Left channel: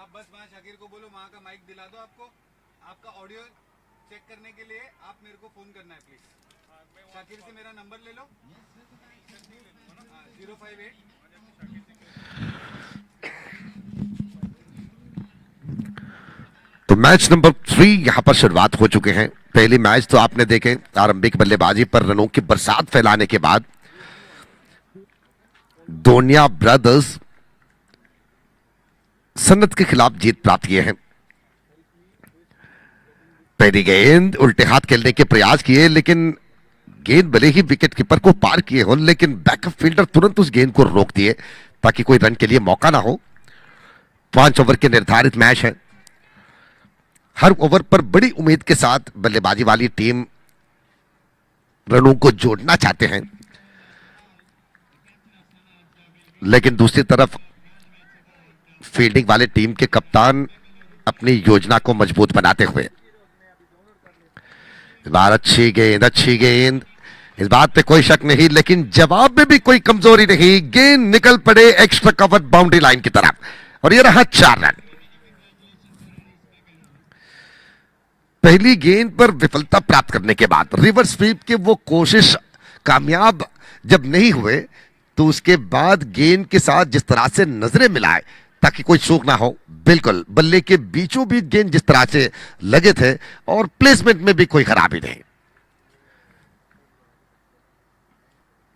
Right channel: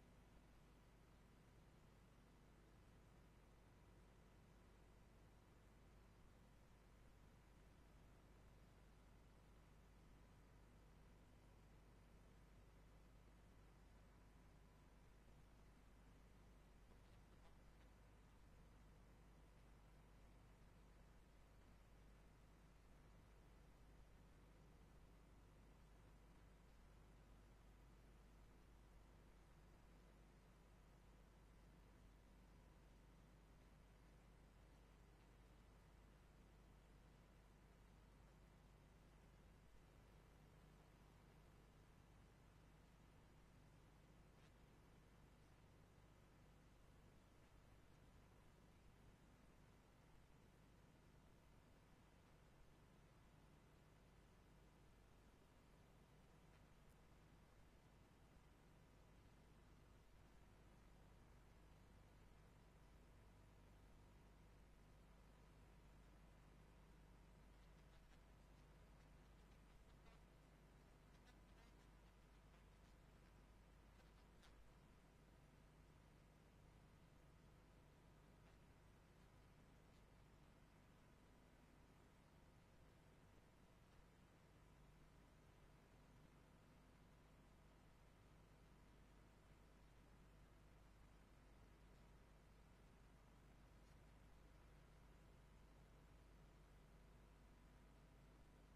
आप बस वहाँ शाकिर को बोलो वहाँ का माइक दिला दो आपको, आपका ऑडियो चेक करने के लिए आप मेरे को फोन करना है प्लीज। शाकिर से मेरा नंबर ले लो, 058। तो मैच नंबर 3 यहां पर शुरुआत हो चुके हैं। पहली मैच तो आपने देखे, आरंभिक बल्लेबाजी पर रनों की बरसात फैलाने के बाद दोनिया ब्रदर्स सन्नत के खिलाफ जीत प्राप्त किए हैं। पहली गेंद उल्टे हाथ खेलने के प्रयास किए, लेकिन गेंद भले ही विकेट कीपर को पार किए हो, लेकिन बैकअप फील्डर तुरंत उस गेंद को रोक दिए ताकि कोई रन के लिए मौका ना हो। 5 ओवर के निर्धारित मैच है। हर ओवर पर बड़ी उम्मीद के साथ बल्लेबाजी वाली टीम रनों को जोड़ना चाहते हैं, लेकिन दूसरी तरफ फील्डिंग वाले टीम के कप्तान अपनी योजना को मजबूत बनाते हुए, इस बार अच्छी गेंद, इस बात पे कोई शक नहीं, लेकिन जवाब में भी कोई कमजोरी नहीं। गेंद निकल पड़े एक्स्ट्रा कवर बाउंड्री लाइन की तरफ और यह रहा 4 रन। पहली गेंद पर विफलता प्राप्त करने के बाद रिवर्स स्वीप के वो कोशिश कामयाब जब नहीं हुए, तो उसके बाद गेंद के साथ जिस तरह से नजरें मिलाए ताकि कोई चूक ना हो, बिल्कुल बल्ले के बीचों बीच गेंद जिस तरह से लगे थे और प्लेसमेंट में भी कोई खराबी नहीं।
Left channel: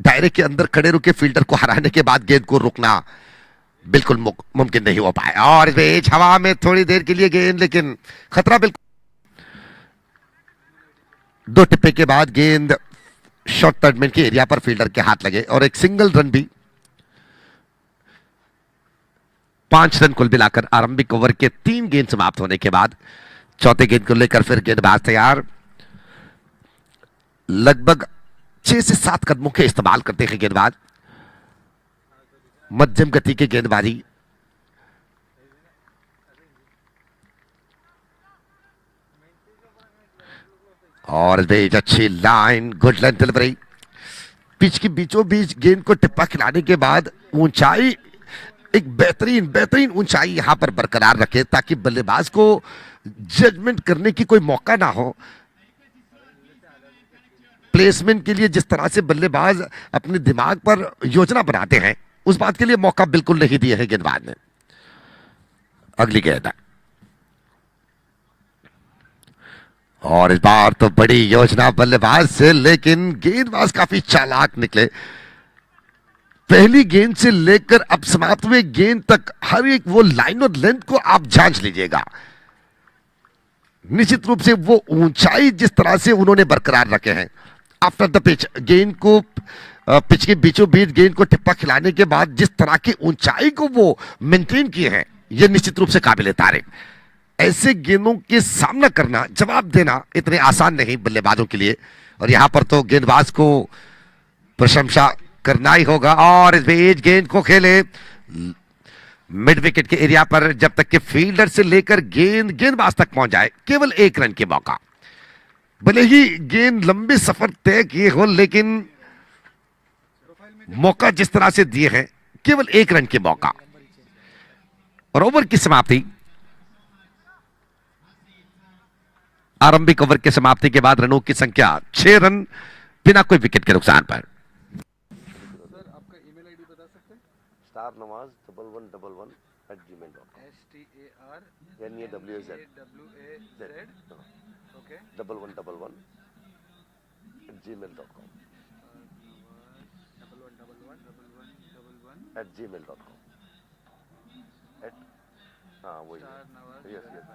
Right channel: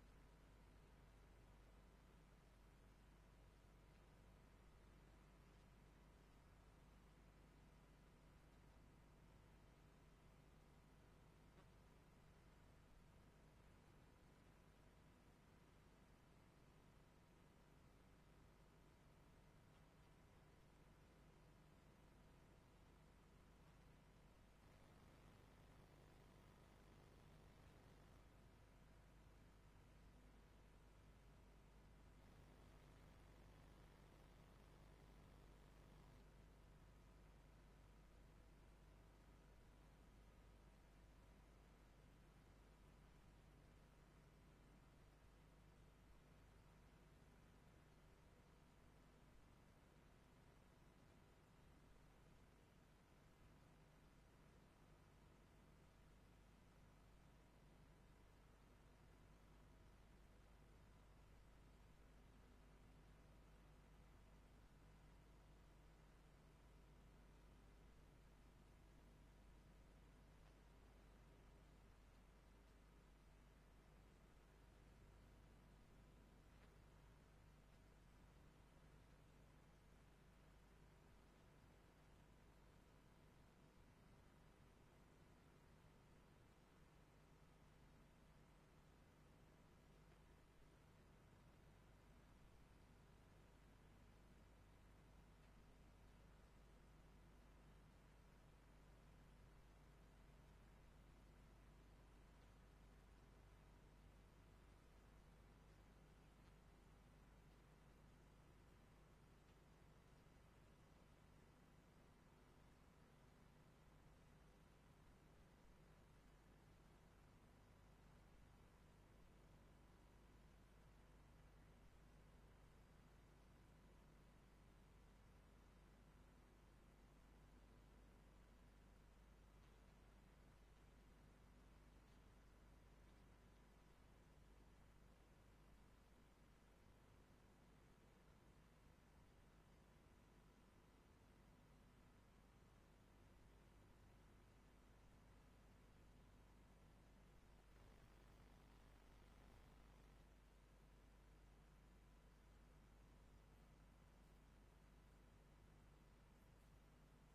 दायरे के अंदर खड़े रुके फील्डर को हराने के बाद गेंद को रुकना बिल्कुल मुमकिन नहीं हो पाया और बीच हवा में थोड़ी देर के लिए गेंद, लेकिन खतरा बिल्कुल। 2 टिप्पे के बाद गेंद शॉर्ट टर्नमेंट के एरिया पर फील्डर के हाथ लगे और एक सिंगल रन भी। 5 रन कुल मिलाकर आरंभिक ओवर के 3 गेंद समाप्त होने के बाद चौथे गेंद को लेकर फिर गेंदबाज तैयार। लगभग 6 से 7 कदमों के इस्तेमाल करते हैं गेंदबाज। मध्यम गति की गेंदबाजी, और बीच अच्छी line, good line delivery. Pitch की बीचों बीच गेंद को टिप्पा खिलाने के बाद ऊंचाई, एक बेहतरीन ऊंचाई यहां पर बरकरार रखे ताकि बल्लेबाज को जजमेंट करने की कोई मौका ना हो। प्लेसमेंट के लिए जिस तरह से बल्लेबाज अपने दिमाग पर योजना बनाते हैं, उस बात के लिए मौका बिल्कुल नहीं दिया है गेंदबाज ने। अगली गेंद, और इस बार तो बड़ी योजना बल्लेबाज से, लेकिन गेंदबाज काफी चालाक निकले। पहली गेंद से लेकर अब समाप्त हुए गेंद तक हर एक वो लाइन और लेंथ को आप जांच लीजिएगा। निश्चित रूप से वो ऊंचाई जिस तरह से उन्होंने बरकरार रखे हैं आफ्टर द पिच, गेंद को पिच के बीचों बीच गेंद को टिप्पा खिलाने के बाद जिस तरह की ऊंचाई को वो मेंटेन किए हैं, यह निश्चित रूप से काबिल तारीफ। ऐसे गेंदों के सामना करना, जवाब देना इतने आसान नहीं बल्लेबाजों के लिए, और यहां पर तो गेंदबाज को प्रशंसा करना ही होगा। और इस बीच गेंद को खेले मिड विकेट के एरिया पर, जब तक कि फील्डर से लेकर गेंदबाज तक पहुंच जाए, केवल 1 रन के मौका। भले ही गेंद लंबे सफर तय किए हो, लेकिन मौका जिस तरह से दिए हैं, केवल 1 रन के मौका। और ओवर की समाप्ति, आरंभिक ओवर के समाप्ति के बाद रनों की संख्या 6 रन बिना कोई विकेट के नुकसान पर। सर आपका ईमेल आईडी बता सकते हैं? starnawaz1111@gmail.com STARNAWAZ okay 1111@gmail.com 11111111@gmail.com हाँ वही, यस यस।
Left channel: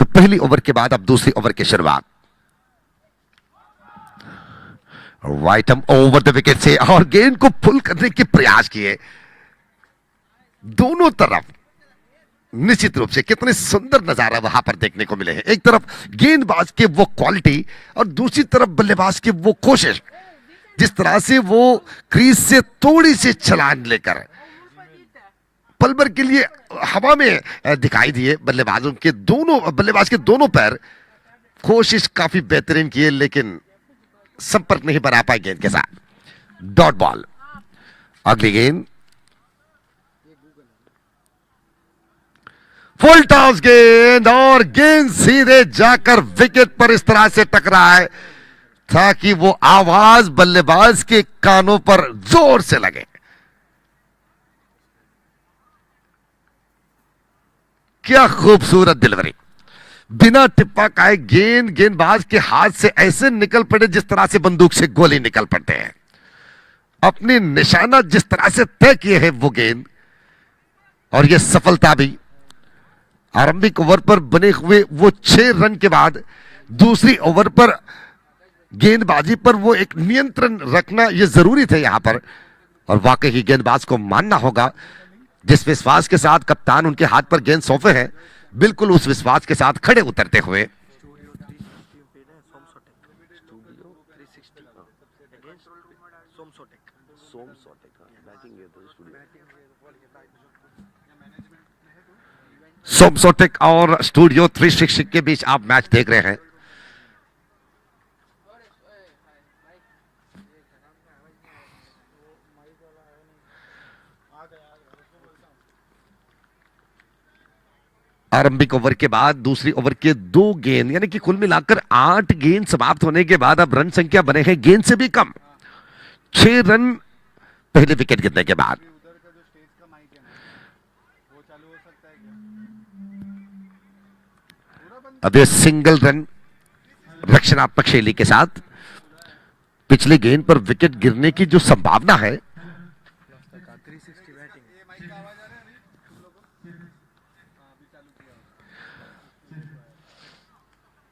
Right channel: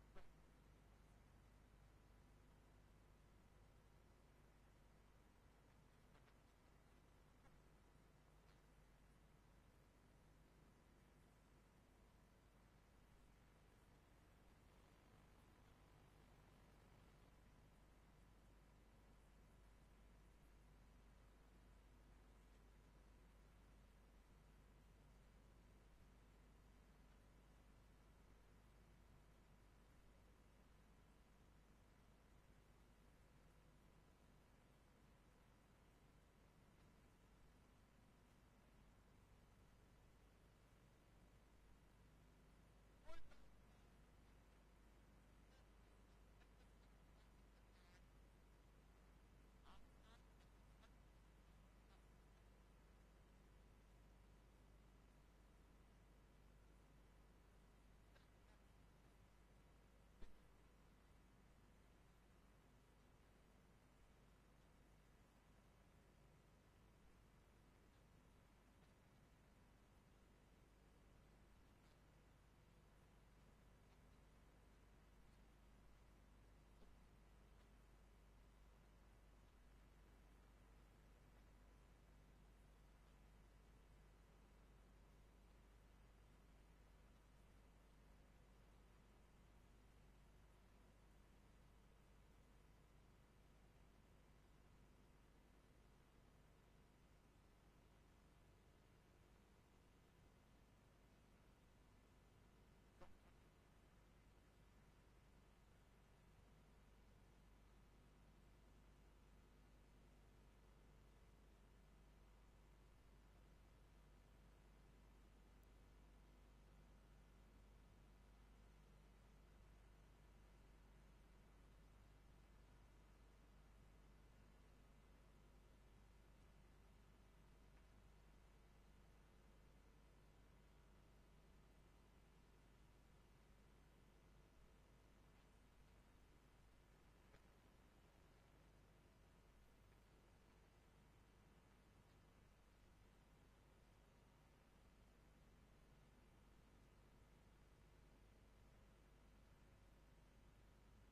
तो पहली ओवर के बाद अब दूसरी ओवर की शुरुआत, राइट हम ओवर द विकेट से और गेंद को पुल करने के प्रयास किए दोनों तरफ। निश्चित रूप से कितने सुंदर नजारा वहां पर देखने को मिले हैं। एक तरफ गेंदबाज के वो क्वालिटी और दूसरी तरफ बल्लेबाज की वो कोशिश, जिस तरह से वो क्रीज से थोड़ी सी छलांग लेकर पल भर के लिए हवा में दिखाई दिए। बल्लेबाज के दोनों पैर कोशिश काफी बेहतरीन किए, लेकिन संपर्क नहीं बना पाए गेंद के साथ। Dot ball. अगली गेंद फुल टॉस गेंद और गेंद सीधे जाकर विकेट पर इस तरह से टकराए ताकि वो आवाज बल्लेबाज के कानों पर जोर से लगे। क्या खूबसूरत डिलीवरी। बिना टिप्पा खाए गेंदबाज के हाथ से ऐसे निकल पड़े जिस तरह से बंदूक से गोली निकल पड़ते हैं। अपनी निशाना जिस तरह से तय किए हैं वो गेंद, और यह सफलता भी। आरंभिक ओवर पर बने हुए वो 6 रन के बाद दूसरी ओवर पर गेंदबाजी पर वो एक नियंत्रण रखना यह जरूरी था यहां पर, और वाकई ही गेंदबाज को मानना होगा जिस विश्वास के साथ कप्तान उनके हाथ पर गेंद सौंपे हैं, बिल्कुल उस विश्वास के साथ खड़े उतरते हुए। सोमसोटेक और स्टूडियो 360 के बीच आप मैच देख रहे हैं। आरंभिक ओवर के बाद दूसरी ओवर के 2 गेंद, यानी कि कुल मिलाकर 8 गेंद समाप्त होने के बाद अब रन संख्या बने हैं गेंद से भी कम, 6 रन पहले विकेट गिरने के बाद। अब ये सिंगल रन रक्षणात्मक शैली के साथ पिछले गेंद पर विकेट गिरने की जो संभावना है,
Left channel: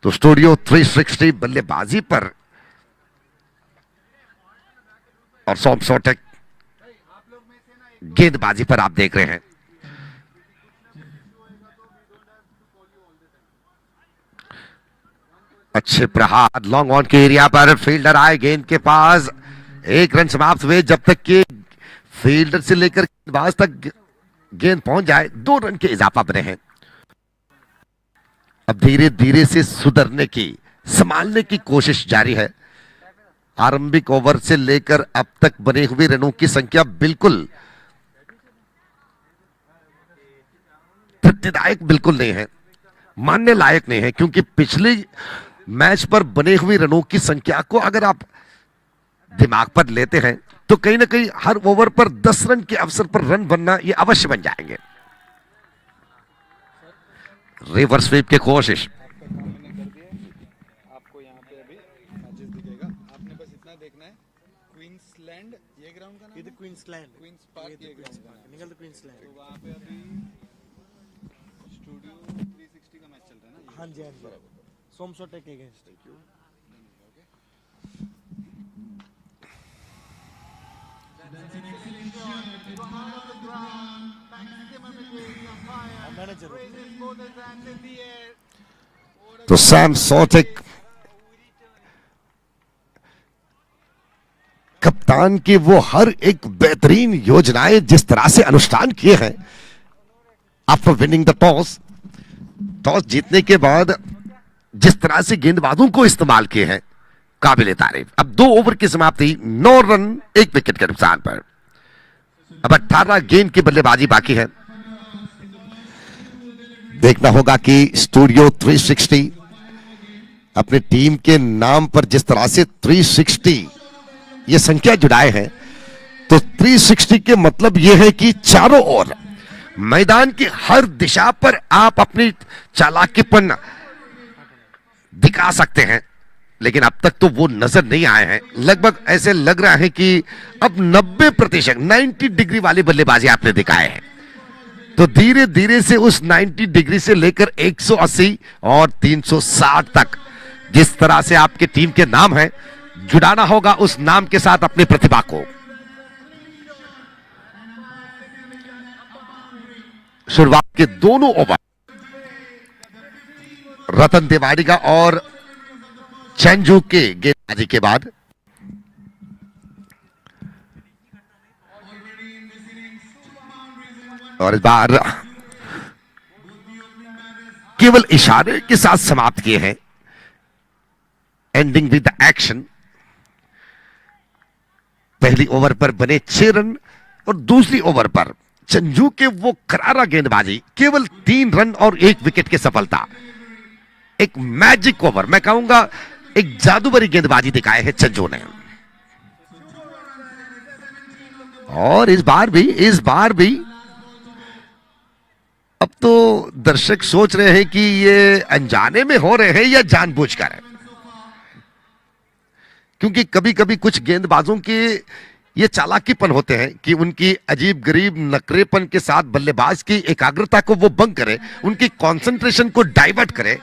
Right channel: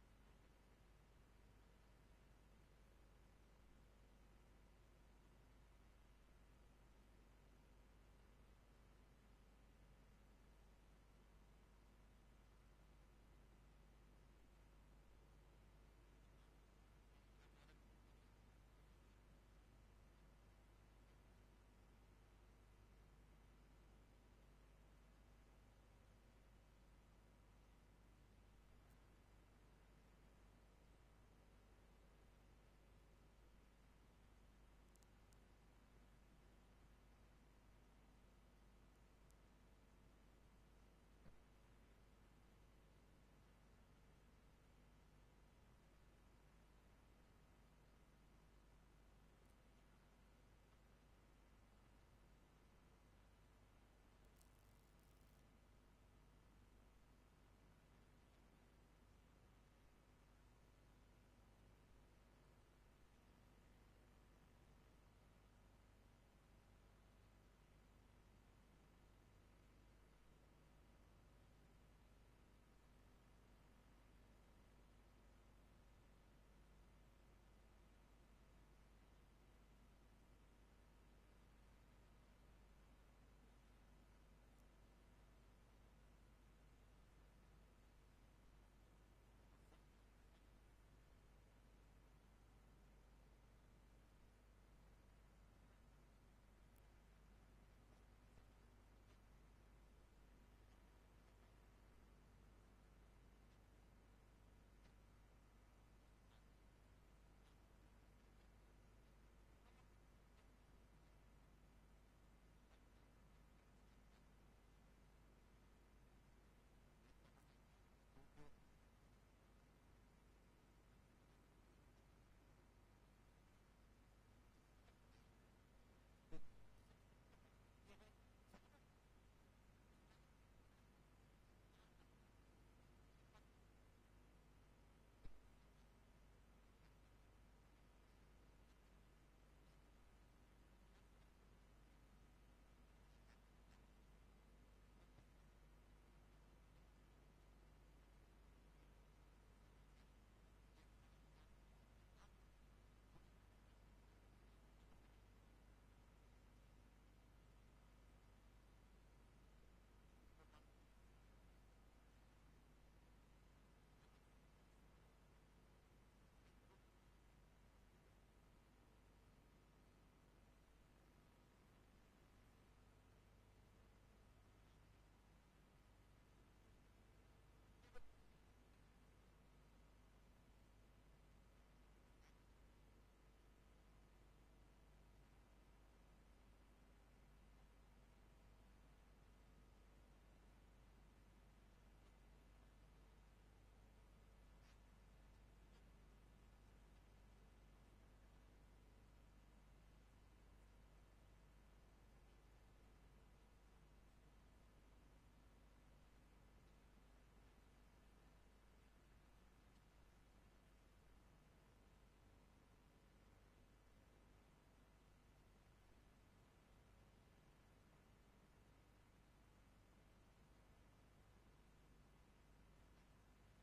तो स्टूडियो 360 बल्लेबाजी पर और सोमसोटेक गेंदबाजी पर आप देख रहे हैं। अच्छे प्रहार लॉन्ग ऑन के एरिया पर फील्डर आए गेंद के पास, 1 रन समाप्त हुए जब तक कि फील्डर से लेकर गेंदबाज तक गेंद पहुंच जाए 2 रन के इजाफा बने हैं। अब धीरे धीरे से सुधरने की, संभालने की कोशिश जारी है। आरंभिक ओवर से लेकर अब तक बने हुए रनों की संख्या बिल्कुल तृप्तिदायक बिल्कुल नहीं है, मानने लायक नहीं है, क्योंकि पिछले मैच पर बने हुए रनों की संख्या को अगर आप दिमाग पर लेते हैं तो कहीं ना कहीं हर ओवर पर 10 रन के अवसर पर रन बनना ये अवश्य बन जाएंगे। रिवर्स स्वीप की कोशिश। आपको यहाँ पे अभी मैचेस दिखेगा, आपने बस इतना देखना है। क्वींसलैंड ये ग्राउंड का नाम है, क्वींस पार्क ये ग्राउंड का नाम है। क्वींसलैंड तो वहाँ पे अभी स्टूडियो 360 का मैच चल रहा है ना। हाँ जी सोमसोटेक अगेंस्ट। तो सोमसोटेक कप्तान की वो हर एक बेहतरीन योजनाएं जिस तरह से अनुष्ठान किए हैं आफ्टर विनिंग द टॉस जीतने के बाद जिस तरह से गेंदबाजों को इस्तेमाल किए हैं, काबिले तारीफ। अब 2 ओवर की समाप्ति, 9 रन 1 विकेट के नुकसान पर। अब 18 गेंद की बल्लेबाजी बाकी है। देखना होगा कि स्टूडियो 360 अपनी टीम के नाम पर जिस तरह से 360 ये संख्या जुड़ाए हैं, तो 360 के मतलब यह है कि चारों ओर मैदान की हर दिशा पर आप अपनी चालाकीपन दिखा सकते हैं, लेकिन अब तक तो वो नजर नहीं आए हैं। लगभग ऐसे लग रहा है कि अब 90% 90 डिग्री वाली बल्लेबाजी आपने दिखाए हैं। तो धीरे धीरे से उस 90 डिग्री से लेकर 180 और 360 तक जिस तरह से आपकी टीम के नाम है, जुड़ाना होगा उस नाम के साथ अपनी प्रतिभा को। शुरुआत के दोनों ओवर रतन तिवारी और चंजू के गेंदबाजी के बाद और इस बार केवल इशारे के साथ समाप्त किए हैं। Ending with the action. पहली ओवर पर बने 6 रन और दूसरी ओवर पर चंजू के वो करारा गेंदबाजी, केवल 3 रन और 1 विकेट की सफलता। एक मैजिक ओवर, मैं कहूंगा एक जादूगरी गेंदबाजी दिखाए है चंजू ने। और इस बार भी अब तो दर्शक सोच रहे हैं कि ये अनजाने में हो रहे हैं या जानबूझकर है, क्योंकि कभी कभी कुछ गेंदबाजों के ये चालाकीपन होते हैं कि उनकी अजीब गरीब नखरेपन के साथ बल्लेबाज की एकाग्रता को वो भंग करे, उनकी कंसंट्रेशन को डाइवर्ट करे।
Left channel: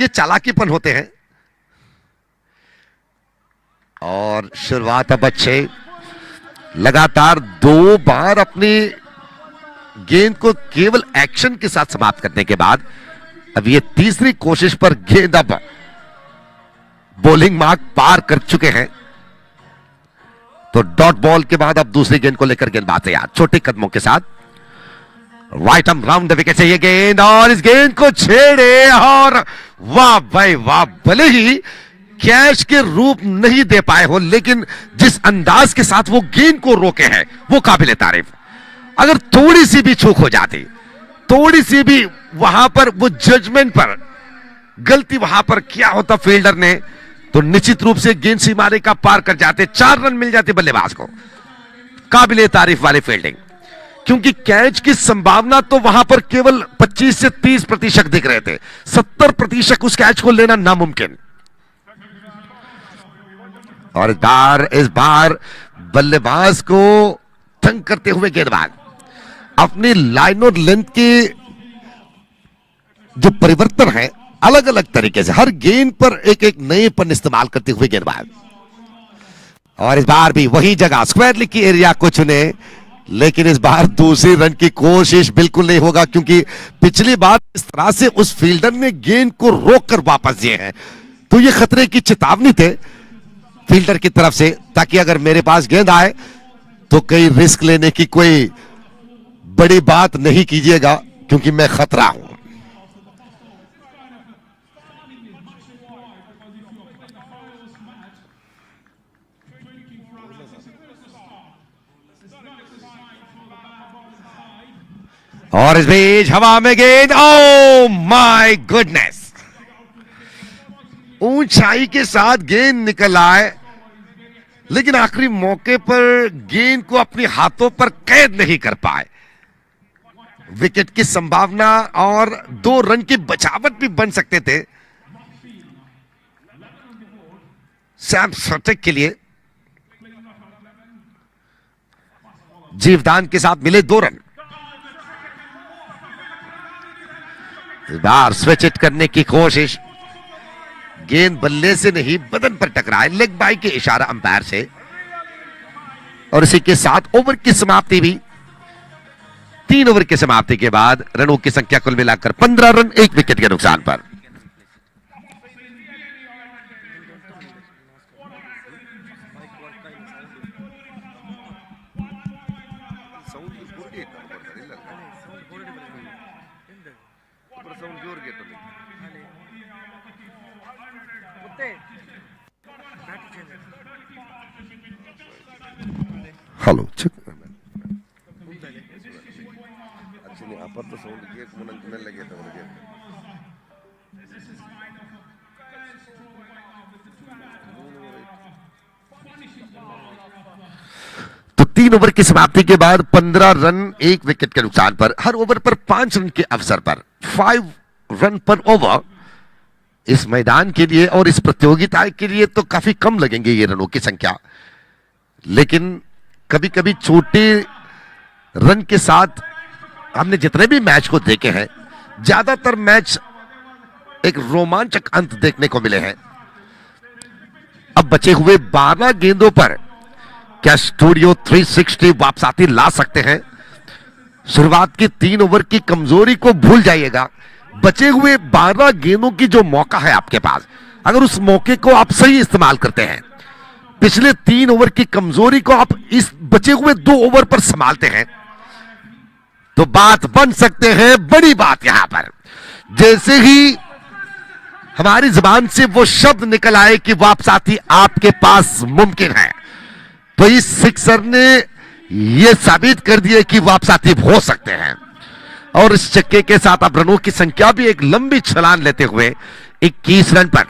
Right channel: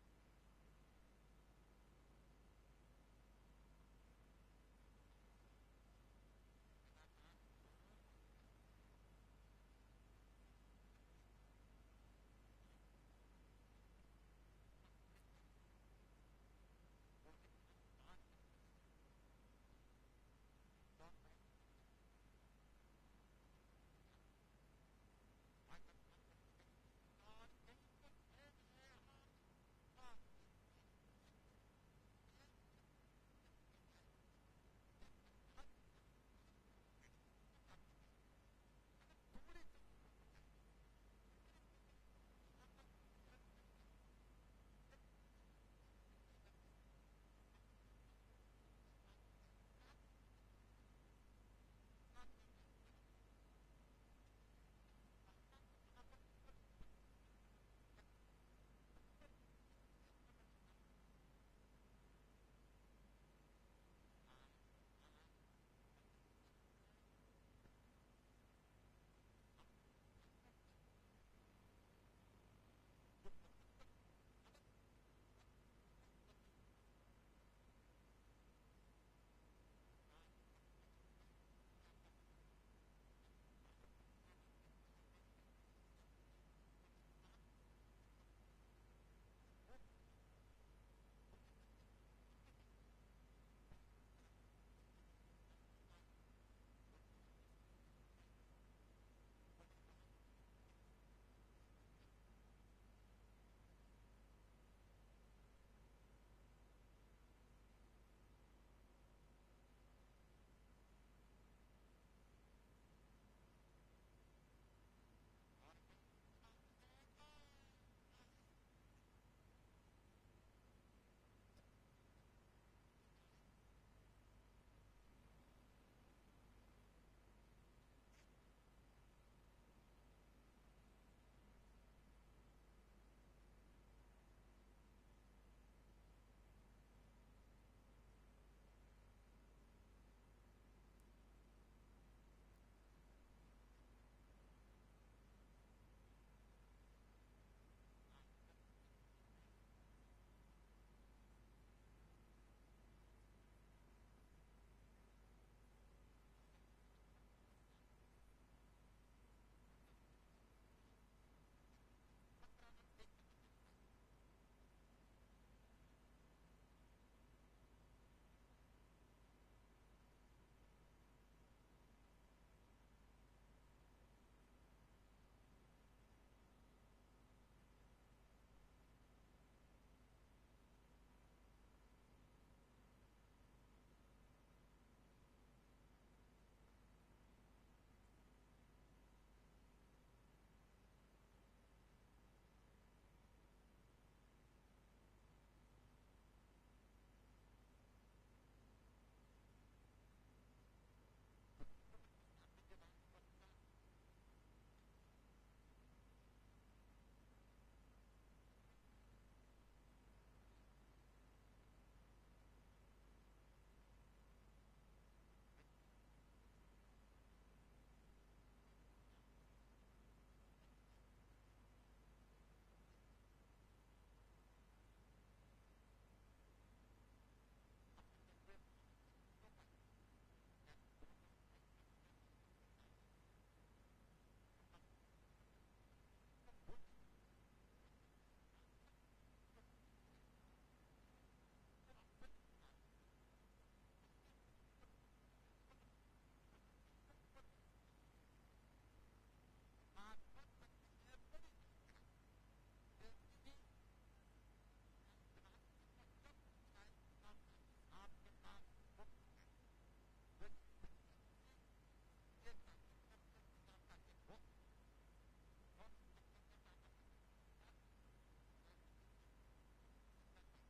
ये चालाकीपन होते हैं। और शुरुआत अब अच्छे, लगातार 2 बार अपनी गेंद को केवल एक्शन के साथ समाप्त करने के बाद अब ये तीसरी कोशिश पर गेंद अब बॉलिंग मार्क पार कर चुके हैं। तो डॉट बॉल के बाद अब दूसरी गेंद को लेकर गेंदबाज तैयार, छोटे कदमों के साथ right arm round the wicket से ये गेंद, और इस गेंद को छेड़े और वाह भाई वाह। भले ही कैच के रूप नहीं दे पाए हो, लेकिन जिस अंदाज के साथ वो गेंद को रोके हैं वो काबिले तारीफ। अगर थोड़ी सी भी चूक हो जाती, थोड़ी सी भी वहां पर वो जजमेंट पर गलती वहां पर किया होता फील्डर ने, तो निश्चित रूप से गेंद सीमारे का पार कर जाते, 4 रन मिल जाते बल्लेबाज को। काबिले तारीफ वाली फील्डिंग, क्योंकि कैच की संभावना तो वहां पर केवल 25 से 30% दिख रहे थे, 70% उस कैच को लेना नामुमकिन। और इस बार बल्लेबाज को तंग करते हुए गेंदबाज अपनी लाइन और लेंथ के जो परिवर्तन है अलग अलग तरीके से, हर गेंद पर एक एक नएपन इस्तेमाल करते हुए गेंदबाज। और इस बार भी वही जगह स्क्वायर लेग की एरिया को चुने, लेकिन इस बार दूसरी रन की कोशिश बिल्कुल नहीं होगा, क्योंकि पिछली बार इस तरह से उस फील्डर ने गेंद को रोककर वापस दिए हैं, तो ये खतरे की चेतावनी थे फील्डर की तरफ से, ताकि अगर मेरे पास गेंद आए तो कई रिस्क लेने की कोई बड़ी बात नहीं कीजिएगा, क्योंकि मैं खतरा हूं। और इस बीच हवा में गेंद, ओ माय गुडनेस, ऊंचाई के साथ गेंद निकल आए, लेकिन आखिरी मौके पर गेंद को अपने हाथों पर कैद नहीं कर पाए। विकेट की संभावना और 2 रन की बचावट भी बन सकते थे सैम सटेक के लिए। जीवदान के साथ मिले 2 रन। इस बार स्विच इट करने की कोशिश, गेंद बल्ले से नहीं बदन पर टकराए, लेग बाई के इशारा अंपायर से। और इसी के साथ ओवर की समाप्ति भी। 3 ओवर की समाप्ति के बाद रनों की संख्या कुल मिलाकर 15 रन 1 विकेट के नुकसान पर। हेलो तो 3 ओवर की समाप्ति के बाद 15 रन 1 विकेट के नुकसान पर, हर ओवर पर 5 रन के अवसर पर 5 रन पर ओवर इस मैदान के लिए और इस प्रतियोगिता के लिए तो काफी कम लगेंगे ये रनों की संख्या। लेकिन कभी कभी छोटे रन के साथ हमने जितने भी मैच को देखे हैं, ज्यादातर मैच एक रोमांचक अंत देखने को मिले हैं। अब बचे हुए 12 गेंदों पर क्या स्टूडियो 360 वापसाती ला सकते हैं? शुरुआत की 3 ओवर की कमजोरी को भूल जाइएगा। बचे हुए 12 गेंदों की जो मौका है आपके पास, अगर उस मौके को आप सही इस्तेमाल करते हैं, पिछले 3 ओवर की कमजोरी को आप इस बचे हुए 2 ओवर पर संभालते हैं, तो बात बन सकते हैं। बड़ी बात यहां पर जैसे ही हमारी जुबान से वो शब्द निकल आए कि वापसाती आपके पास मुमकिन है, तो इस सिक्सर ने यह साबित कर दिया कि वापसाती हो सकते हैं। और इस छक्के के साथ अब रनों की संख्या भी एक लंबी छलांग लेते हुए 21 रन पर।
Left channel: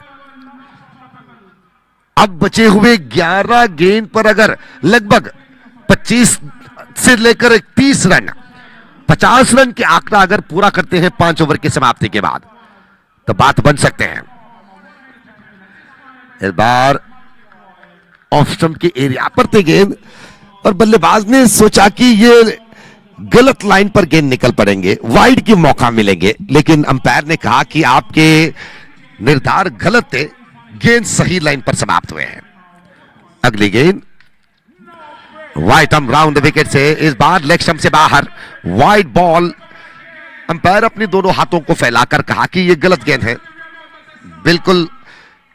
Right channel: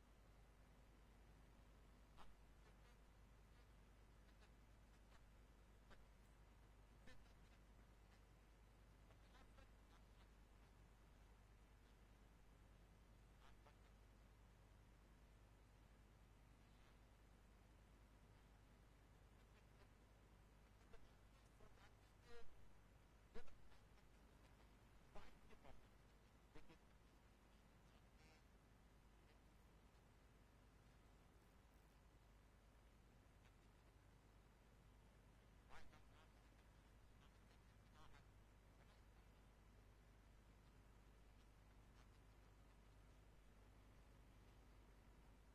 अब बचे हुए 11 गेंद पर अगर लगभग 25 से लेकर 30 रन, 50 रन के आंकड़ा अगर पूरा करते हैं 5 ओवर की समाप्ति के बाद, तो बात बन सकते हैं। इस बार ऑफ स्टंप के एरिया पर थे गेंद और बल्लेबाज ने सोचा कि ये गलत लाइन पर गेंद निकल पड़ेंगे, वाइड की मौका मिलेंगे, लेकिन अंपायर ने कहा कि आपके निर्धार गलत थे, गेंद सही लाइन पर समाप्त हुए हैं। अगली गेंद वाइड आर्म राउंड विकेट से, इस बार लेग स्टंप से बाहर, वाइड बॉल। अंपायर अपने दोनों हाथों को फैलाकर कहा कि यह गलत गेंद है, बिल्कुल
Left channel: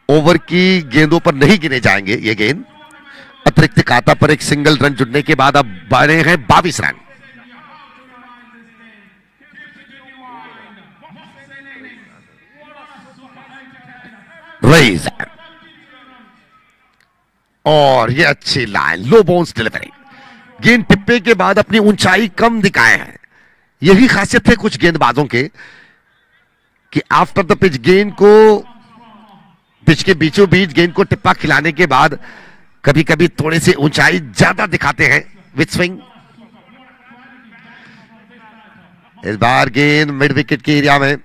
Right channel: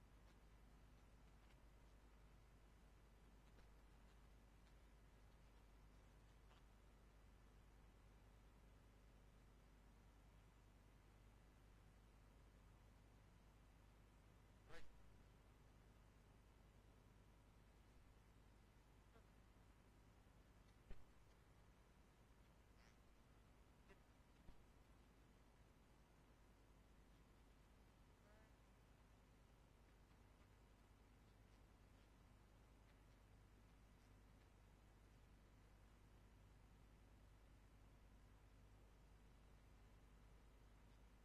ओवर की गेंदों पर नहीं गिने जाएंगे ये गेंद। अतिरिक्त खाता पर एक सिंगल रन जुड़ने के बाद अब बने हैं 22 रन। रेज और ये अच्छी लाइन, लो बाउंस डिलीवरी। गेंद टिप्पे के बाद अपनी ऊंचाई कम दिखाए हैं। यही खासियत है कुछ गेंदबाजों के कि आफ्टर द पिच गेंद को, पिच के बीचों बीच गेंद को टिप्पा खिलाने के बाद कभी कभी थोड़ी सी ऊंचाई ज्यादा दिखाते हैं विद स्विंग। इस बार गेंद मिड विकेट के एरिया में,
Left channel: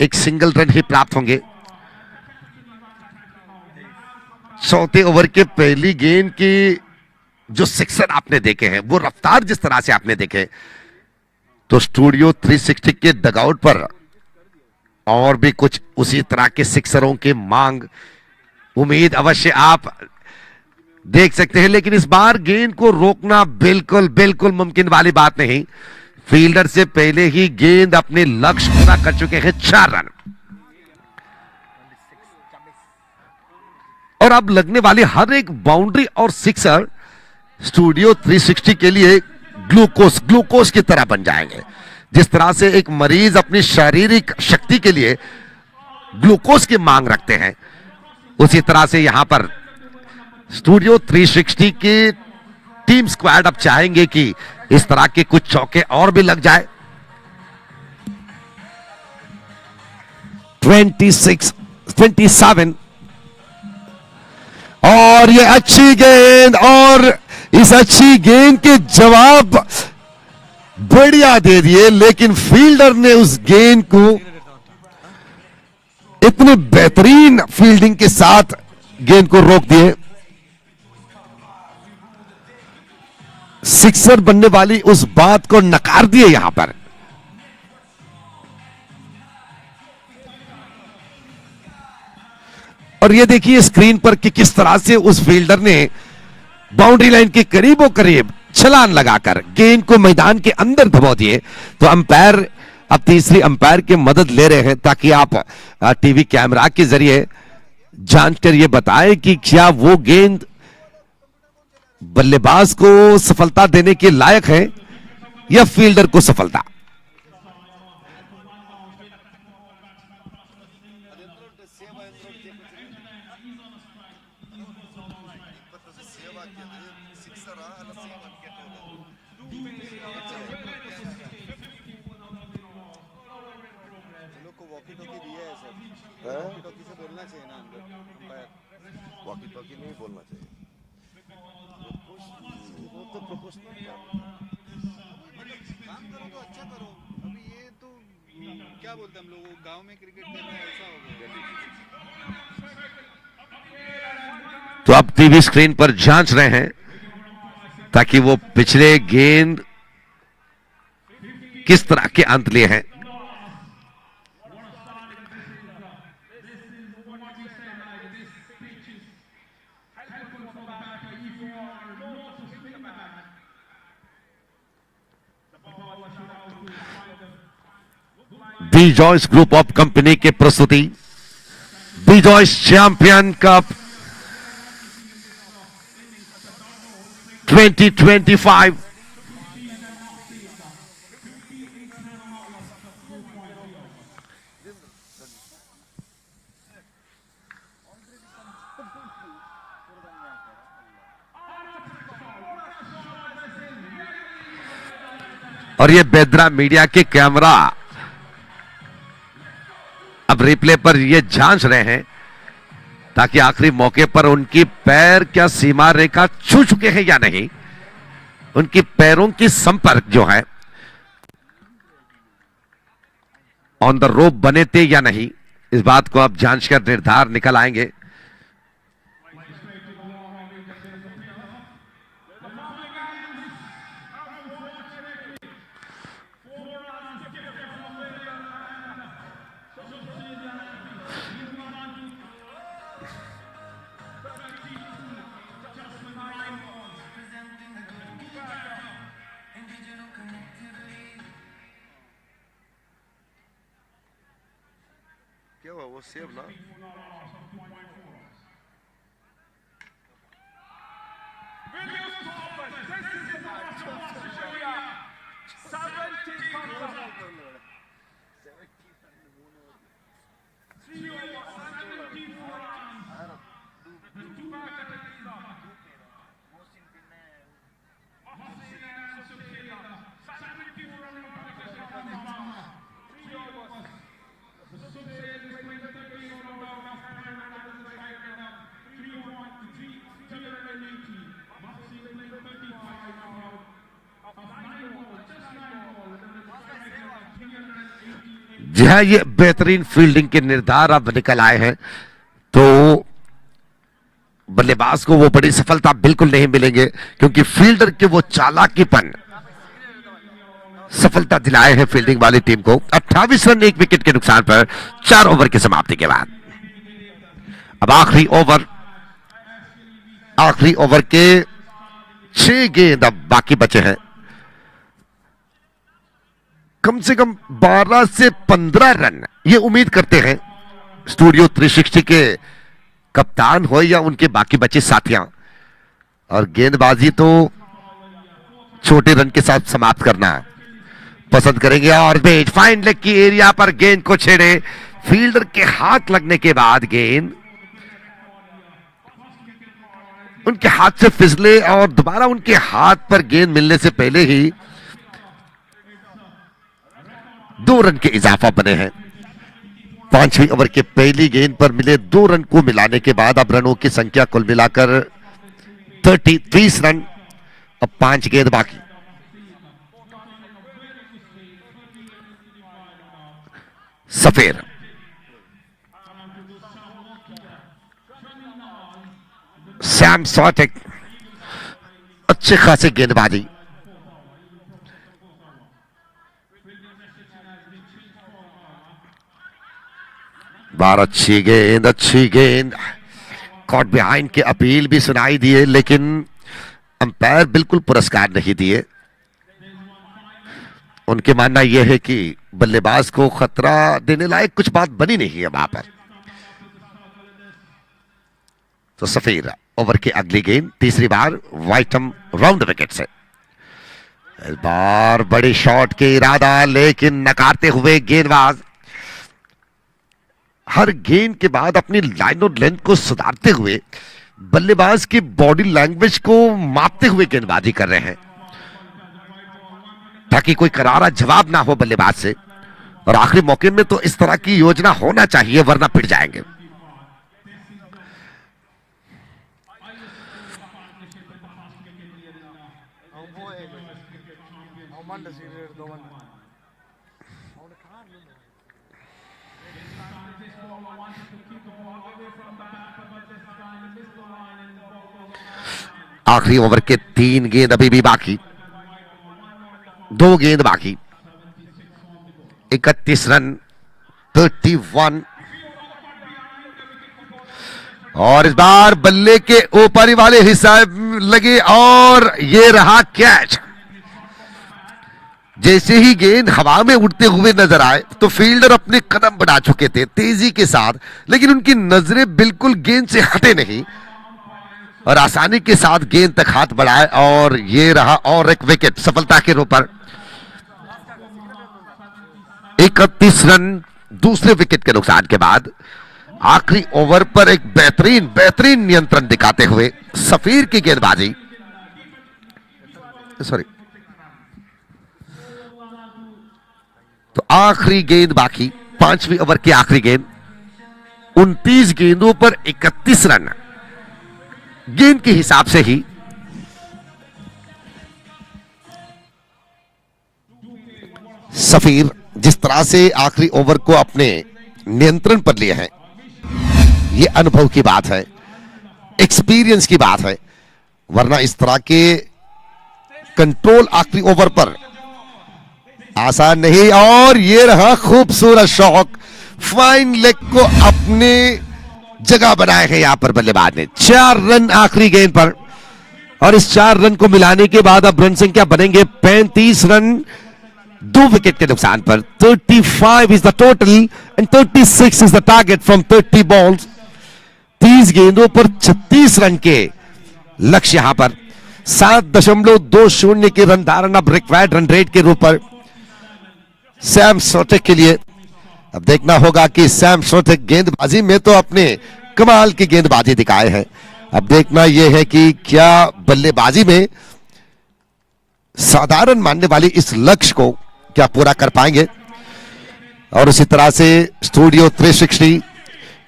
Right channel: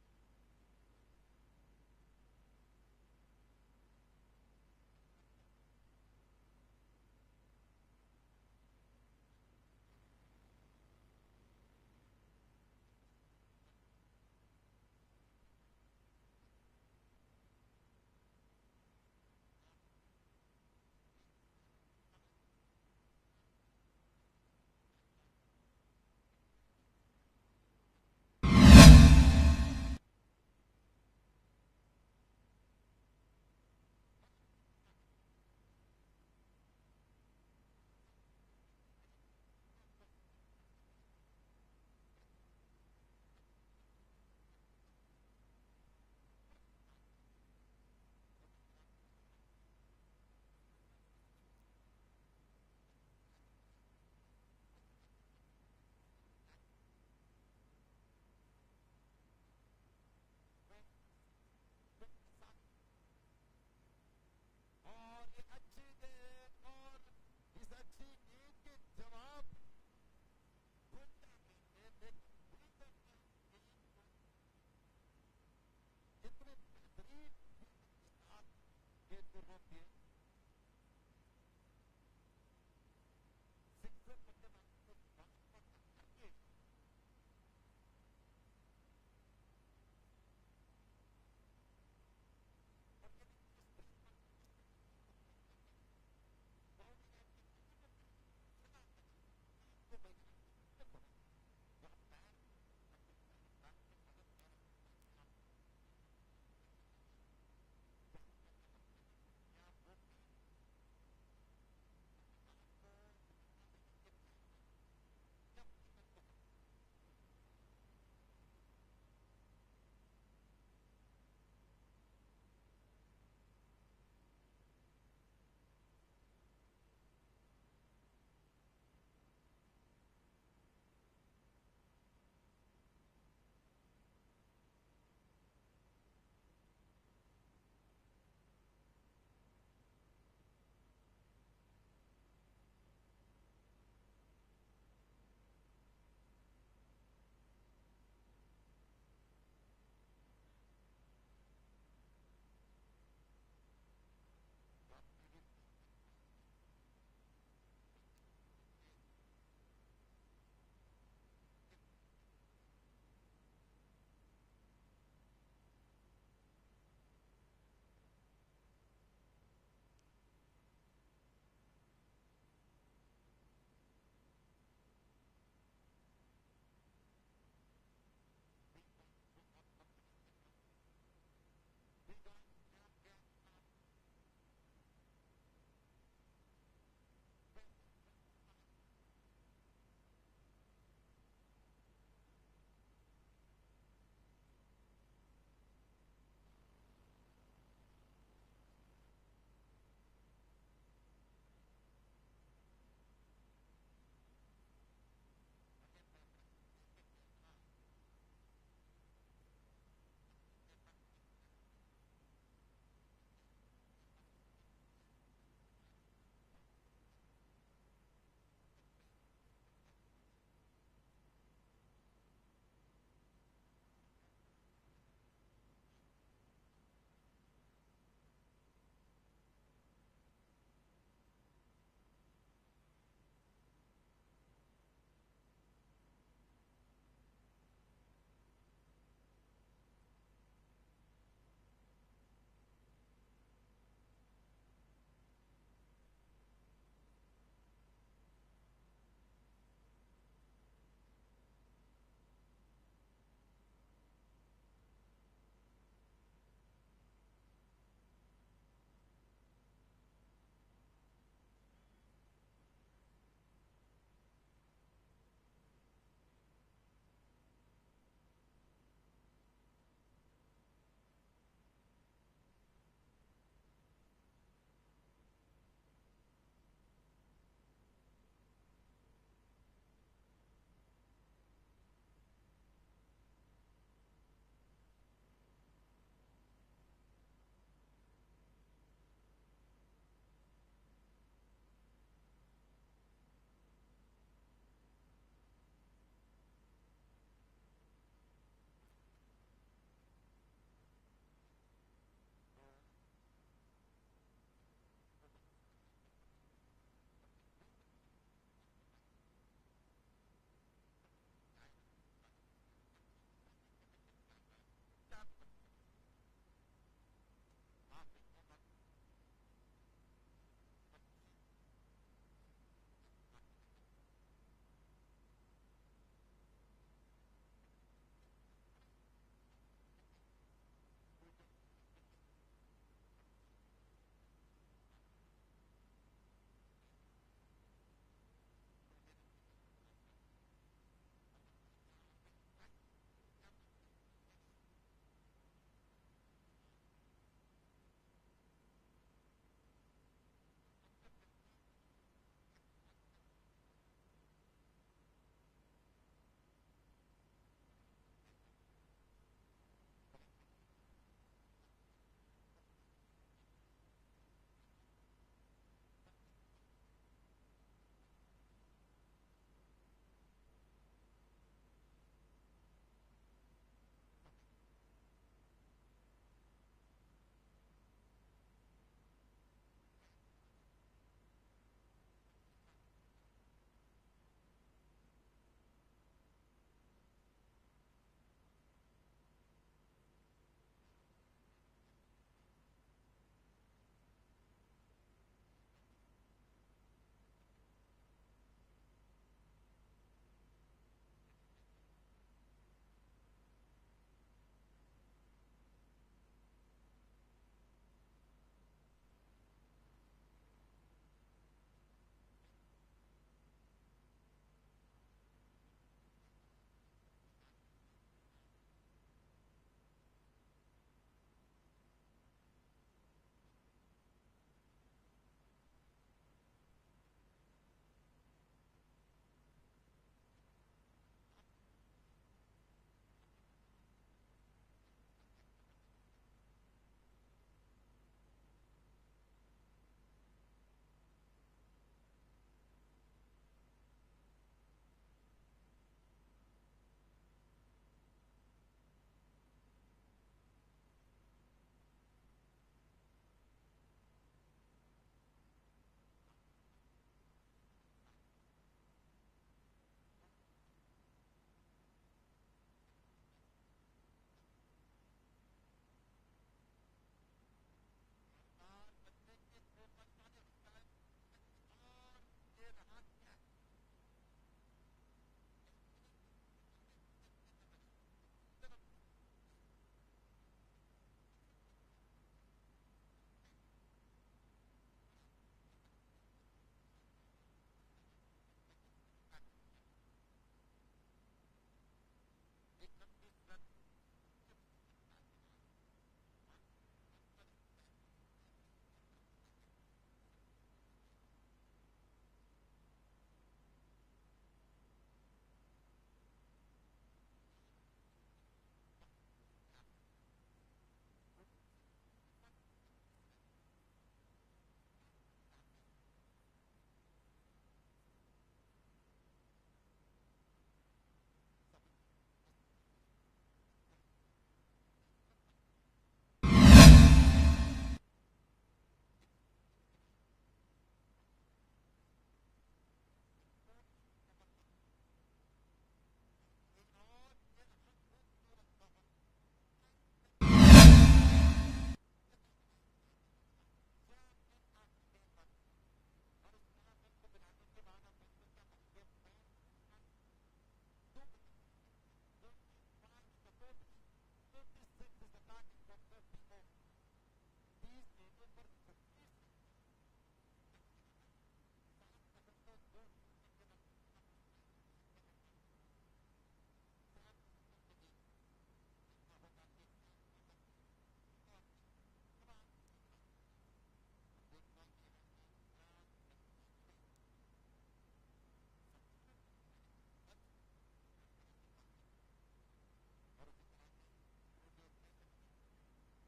एक सिंगल रन ही प्राप्त होंगे। चौथे ओवर के पहली गेंद की जो सिक्सर आपने देखे हैं, वो रफ्तार जिस तरह से आपने देखे, तो स्टूडियो 360 के डगआउट पर और भी कुछ उसी तरह के सिक्सरों की मांग, उम्मीद अवश्य आप देख सकते हैं। लेकिन इस बार गेंद को रोकना बिल्कुल बिल्कुल मुमकिन वाली बात नहीं। फील्डर से पहले ही गेंद अपने लक्ष्य पूरा कर चुके हैं, 4 रन। और अब लगने वाली हर एक बाउंड्री और सिक्सर स्टूडियो 360 के लिए ग्लूकोज की तरह बन जाएंगे। जिस तरह से एक मरीज अपनी शारीरिक शक्ति के लिए ग्लूकोज की मांग रखते हैं, उसी तरह से यहां पर स्टूडियो 360 की टीम स्क्वाड अब चाहेंगे कि इस तरह के कुछ चौके और भी लग जाए। 27 और ये अच्छी गेंद, और इस अच्छी गेंद के जवाब बढ़िया दे दिए, लेकिन फील्डर ने उस गेंद को इतने बेहतरीन फील्डिंग के साथ गेंद को रोक दिए। सिक्सर बनने वाली उस बात को नकार दिए यहां पर। और ये देखिए स्क्रीन पर कि किस तरह से उस फील्डर ने बाउंड्री लाइन के करीबों करीब छलांग लगाकर गेंद को मैदान के अंदर दबा दिए। तो अंपायर अब तीसरी अंपायर की मदद ले रहे हैं ताकि आप टीवी कैमरा के जरिए जानकर ये बताएं कि क्या वो गेंद बल्लेबाज को सफलता देने के लायक है या फील्डर को सफलता। क्या बोलते हम लोग, गांव में क्रिकेट खेल रहे हैं, ऐसा हो गया। तो अब टीवी स्क्रीन पर जांच रहे हैं ताकि वो पिछले गेंद किस तरह के अंत लिए हैं। बीजॉयस ग्रुप ऑफ कंपनी के प्रस्तुति बीजॉयस चैंपियन कप 2025। और ये बेदरा मीडिया के कैमरा अब रिप्ले पर ये जांच रहे हैं ताकि आखिरी मौके पर उनकी पैर क्या सीमा रेखा छू चुके हैं या नहीं, उनकी पैरों की संपर्क जो है ऑन द रोप बने थे या नहीं, इस बात को अब जांच कर निर्धार निकल आएंगे। क्या हुआ वो सेव ना? जी हाँ, ये बेहतरीन फील्डिंग के निर्धार अब निकल आए हैं, तो बल्लेबाज को वो बड़ी सफलता बिल्कुल नहीं मिलेंगे क्योंकि फील्डर के वो चालाकीपन सफलता दिलाए हैं फील्डिंग वाली टीम को। 28 रन 1 विकेट के नुकसान पर 4 ओवर की समाप्ति के बाद अब आखिरी ओवर के 6 गेंद अब बाकी बचे हैं। कम से कम 12 से 15 रन ये उम्मीद करते हैं स्टूडियो 360 के कप्तान हो या उनके बाकी बचे साथियां, और गेंदबाजी तो छोटे रन के साथ समाप्त करना पसंद करेंगे। और बेट फाइन लेग की एरिया पर गेंद को छेड़े, फील्डर के हाथ लगने के बाद गेंद उनके हाथ से फिसले और दोबारा उनके हाथ पर गेंद मिलने से पहले ही 2 रन के इजाफा बने हैं। 5वें ओवर के पहली गेंद पर मिले 2 रन को मिलाने के बाद अब रनों की संख्या कुल मिलाकर 30 रन। अब 5 गेंद बाकी। सफेर सैम सॉटेक अच्छे खासे गेंदबाजी, बार अच्छी गेंद कॉट बिहाइंड के अपील भी सुनाई दिए, लेकिन अंपायर बिल्कुल पुरस्कार नहीं दिए। उनके मानना यह है कि बल्लेबाज को खतरा देने लायक कुछ बात बनी नहीं है वहां पर। तो सफेद ओवर की अगली गेंद तीसरी बार वाइटम राउंड विकेट से। इस बार बड़ी शॉट के इरादा, लेकिन नकारते हुए गेंदबाज हर गेंद के बाद अपनी लाइन और लेंथ को सुधारते हुए बल्लेबाज की बॉडी लैंग्वेज को मापते हुए गेंदबाजी कर रहे हैं ताकि कोई करारा जवाब ना हो बल्लेबाज से। और आखिरी मौके में तो इस तरह की योजना होना चाहिए, वरना पिट जाएंगे। आखिरी ओवर के 3 गेंद अभी भी बाकी, 2 गेंद बाकी। 31 रन 31। और इस बार बल्ले के ऊपरी वाले हिस्से लगे और ये रहा कैच। जैसे ही गेंद हवा में उड़ते हुए नजर आए तो फील्डर अपने कदम बढ़ा चुके थे तेजी के साथ, लेकिन उनकी नजरें बिल्कुल गेंद से हटे नहीं और आसानी के साथ गेंद तक हाथ बढ़ाए और ये रहा और एक विकेट सफलता के रूप पर। 31 रन दूसरे विकेट के नुकसान के बाद आखिरी ओवर पर एक बेहतरीन नियंत्रण दिखाते हुए सफीर की गेंदबाजी, सॉरी, तो आखिरी गेंद बाकी, 5वीं ओवर की आखिरी गेंद, 29 गेंदों पर 31 रन गेंद के हिसाब से ही सफीर जिस तरह से आखिरी ओवर को अपने नियंत्रण पर लिए हैं, यह अनुभव की बात है, एक्सपीरियंस की बात है, वरना इस तरह के कंट्रोल आखिरी ओवर पर आसान नहीं। और ये रहा खूबसूरत शॉट, फाइन लेग को अपने जगह बनाए हैं यहां पर बल्लेबाज ने। 4 रन आखिरी गेंद पर और इस 4 रन को मिलाने के बाद अब रन संख्या बनेंगे 35 रन 2 विकेट के नुकसान पर। 35 is the total and 36 is the target from 30 balls. 30 गेंदों पर 36 रन के लक्ष्य यहां पर। 7.20 की रन धारण अब रिक्वायर्ड रन रेट के रूप पर सैम सोटेक के लिए। अब देखना होगा कि सैम सोटेक गेंदबाजी में तो अपने कमाल की गेंदबाजी दिखाए हैं, अब देखना यह है कि क्या बल्लेबाजी में साधारण मानने वाली इस लक्ष्य को क्या पूरा कर पाएंगे। और उसी तरह से स्टूडियो 360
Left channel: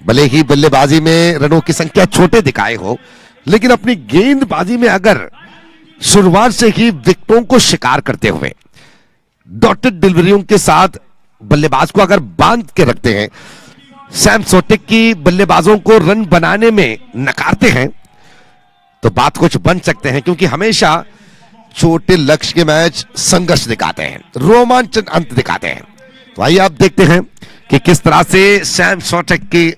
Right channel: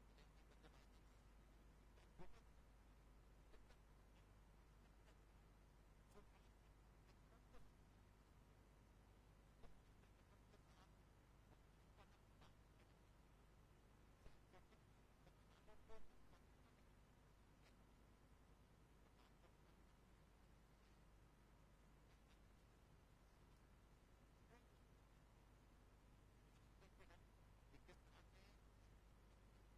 भले ही बल्लेबाजी में रनों की संख्या छोटे दिखाए हो, लेकिन अपनी गेंदबाजी में अगर शुरुआत से ही विकेटों को शिकार करते हुए डॉटेड डिलीवरियों के साथ बल्लेबाज को अगर बांध के रखते हैं, सैम सोटेक की बल्लेबाजों को रन बनाने में नकारते हैं, तो बात कुछ बन सकते हैं, क्योंकि हमेशा छोटे लक्ष्य के मैच संघर्ष दिखाते हैं, रोमांचन अंत दिखाते हैं। तो आइए आप देखते हैं कि किस तरह से सैम सोटेक की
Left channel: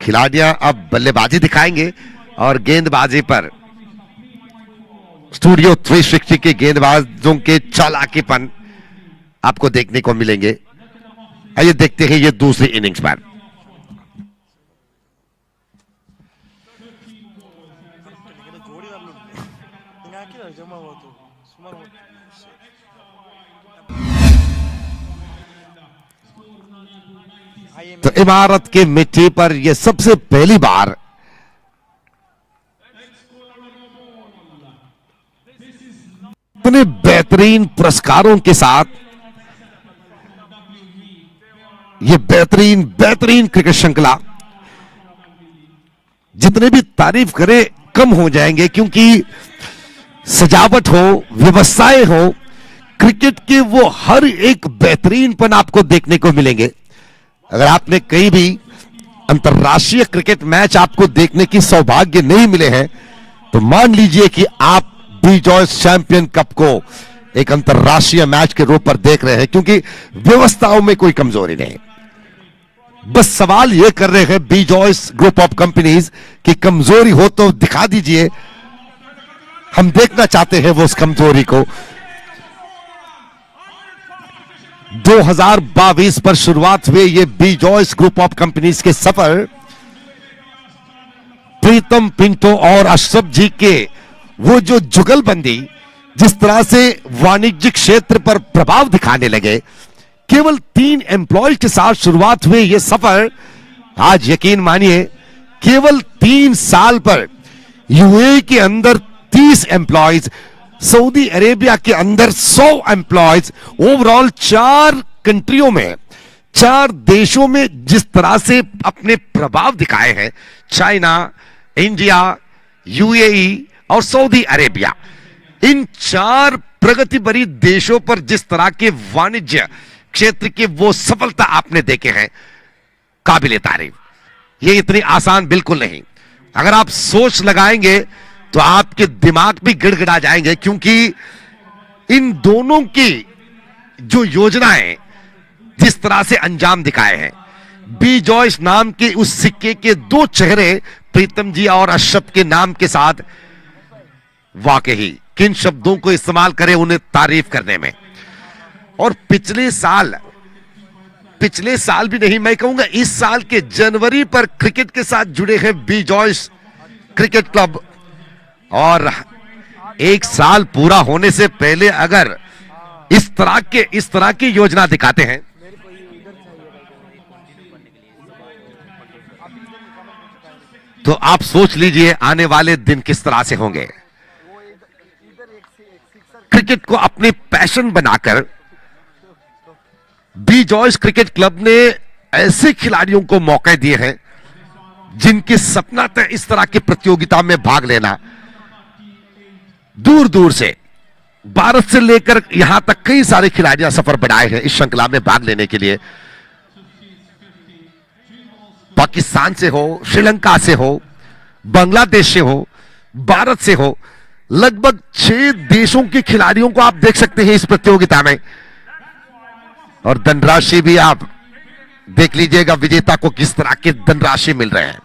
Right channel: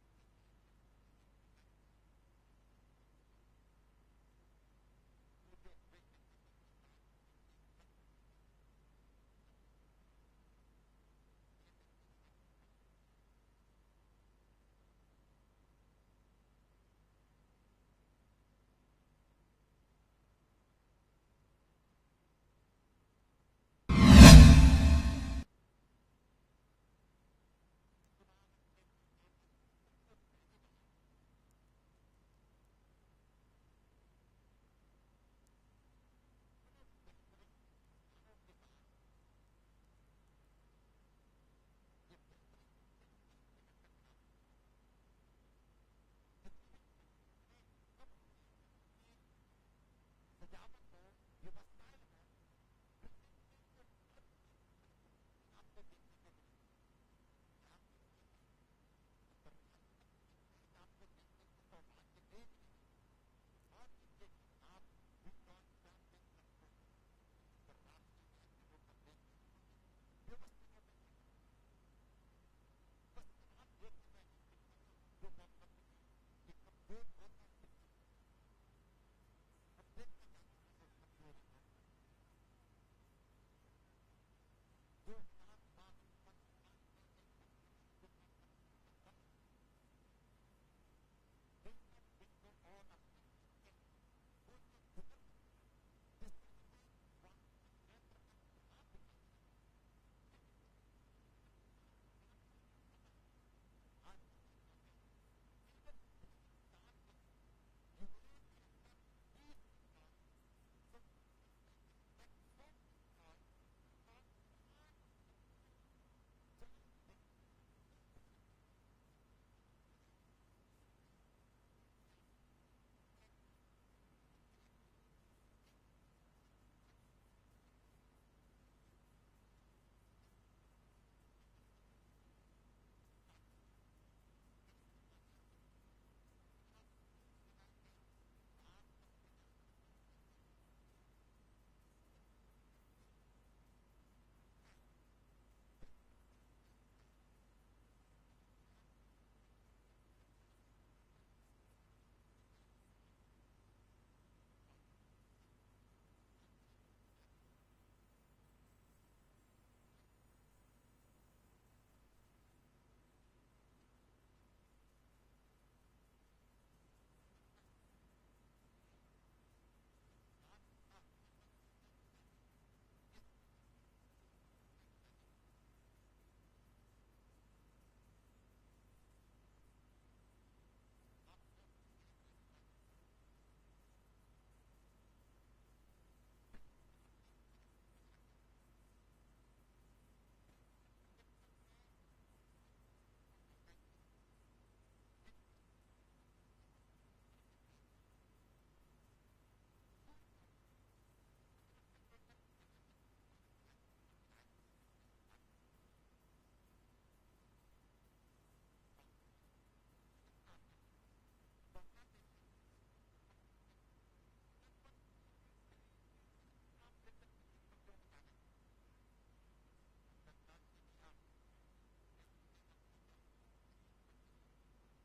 खिलाड़ियां अब बल्लेबाजी दिखाएंगे और गेंदबाजी पर स्टूडियो 360 के गेंदबाजों के चालाकीपन आपको देखने को मिलेंगे। आइए देखते हैं ये दूसरी इनिंग्स पर। तो इमारत के मिट्टी पर यह सबसे पहली बार इतने बेहतरीन पुरस्कारों के साथ यह बेहतरीन क्रिकेट श्रृंखला, जितने भी तारीफ करें कम हो जाएंगे, क्योंकि सजावट हो, व्यवस्थाएं हो, क्रिकेट के वो हर एक बेहतरीनपन आपको देखने को मिलेंगे। अगर आपने कहीं भी अंतरराष्ट्रीय क्रिकेट मैच आपको देखने की सौभाग्य नहीं मिले हैं, तो मान लीजिए कि आप बीजॉयस चैंपियन कप को एक अंतरराष्ट्रीय मैच के रूप पर देख रहे हैं, क्योंकि व्यवस्थाओं में कोई कमजोरी नहीं। बस सवाल यह कर रहे हैं बीजॉयस ग्रुप ऑफ कंपनीज कि कमजोरी हो तो दिखा दीजिए, हम देखना चाहते हैं वो उस कमजोरी को। 2022 पर शुरुआत हुए ये बीजॉयस ग्रुप ऑफ कंपनीज के सफर प्रीतम पिंटो और अशरफ जी के वो जो जुगलबंदी जिस तरह से वाणिज्यिक क्षेत्र पर प्रभाव दिखाने लगे, केवल 3 एम्प्लॉयज के साथ शुरुआत हुए ये सफर आज यकीन मानिए केवल 3 साल पर यूएई के अंदर 30 एम्प्लॉयज, सऊदी अरेबिया के अंदर 100 एम्प्लॉयज, ओवरऑल 4 कंट्रियों में, 4 देशों में जिस तरह से अपने प्रभाव दिखाए हैं, चाइना, इंडिया, यूएई और सऊदी अरेबिया, इन 4 प्रगति भरी देशों पर जिस तरह के वाणिज्य क्षेत्र की वो सफलता आपने देखे हैं, काबिले तारीफ। ये इतनी आसान बिल्कुल नहीं। अगर आप सोच लगाएंगे तो आपके दिमाग भी गिड़गिड़ा जाएंगे, क्योंकि इन दोनों की जो योजनाएं जिस तरह से अंजाम दिखाए हैं, बीजॉयस नाम के उस सिक्के के 2 चेहरे प्रीतम जी और अशरफ के नाम के साथ, वाकई किन शब्दों को इस्तेमाल करें उन्हें तारीफ करने में। और पिछले साल भी नहीं, मैं कहूंगा इस साल के जनवरी पर क्रिकेट के साथ जुड़े हैं बी जॉयस क्रिकेट क्लब, और एक साल पूरा होने से पहले अगर इस तरह की योजना दिखाते हैं तो आप सोच लीजिए आने वाले दिन किस तरह से होंगे। क्रिकेट को अपने पैशन बनाकर बी जॉयस क्रिकेट क्लब ने ऐसे खिलाड़ियों को मौके दिए हैं जिनके सपना था इस तरह की प्रतियोगिता में भाग लेना। दूर दूर से भारत से लेकर यहां तक कई सारे खिलाड़ियां सफर बढ़ाए हैं इस श्रृंखला में भाग लेने के लिए। पाकिस्तान से हो, श्रीलंका से हो, बांग्लादेश से हो, भारत से हो, लगभग 6 देशों के खिलाड़ियों को आप देख सकते हैं इस प्रतियोगिता में। और धनराशि भी आप देख लीजिएगा विजेता को किस तरह के धनराशि मिल रहे हैं।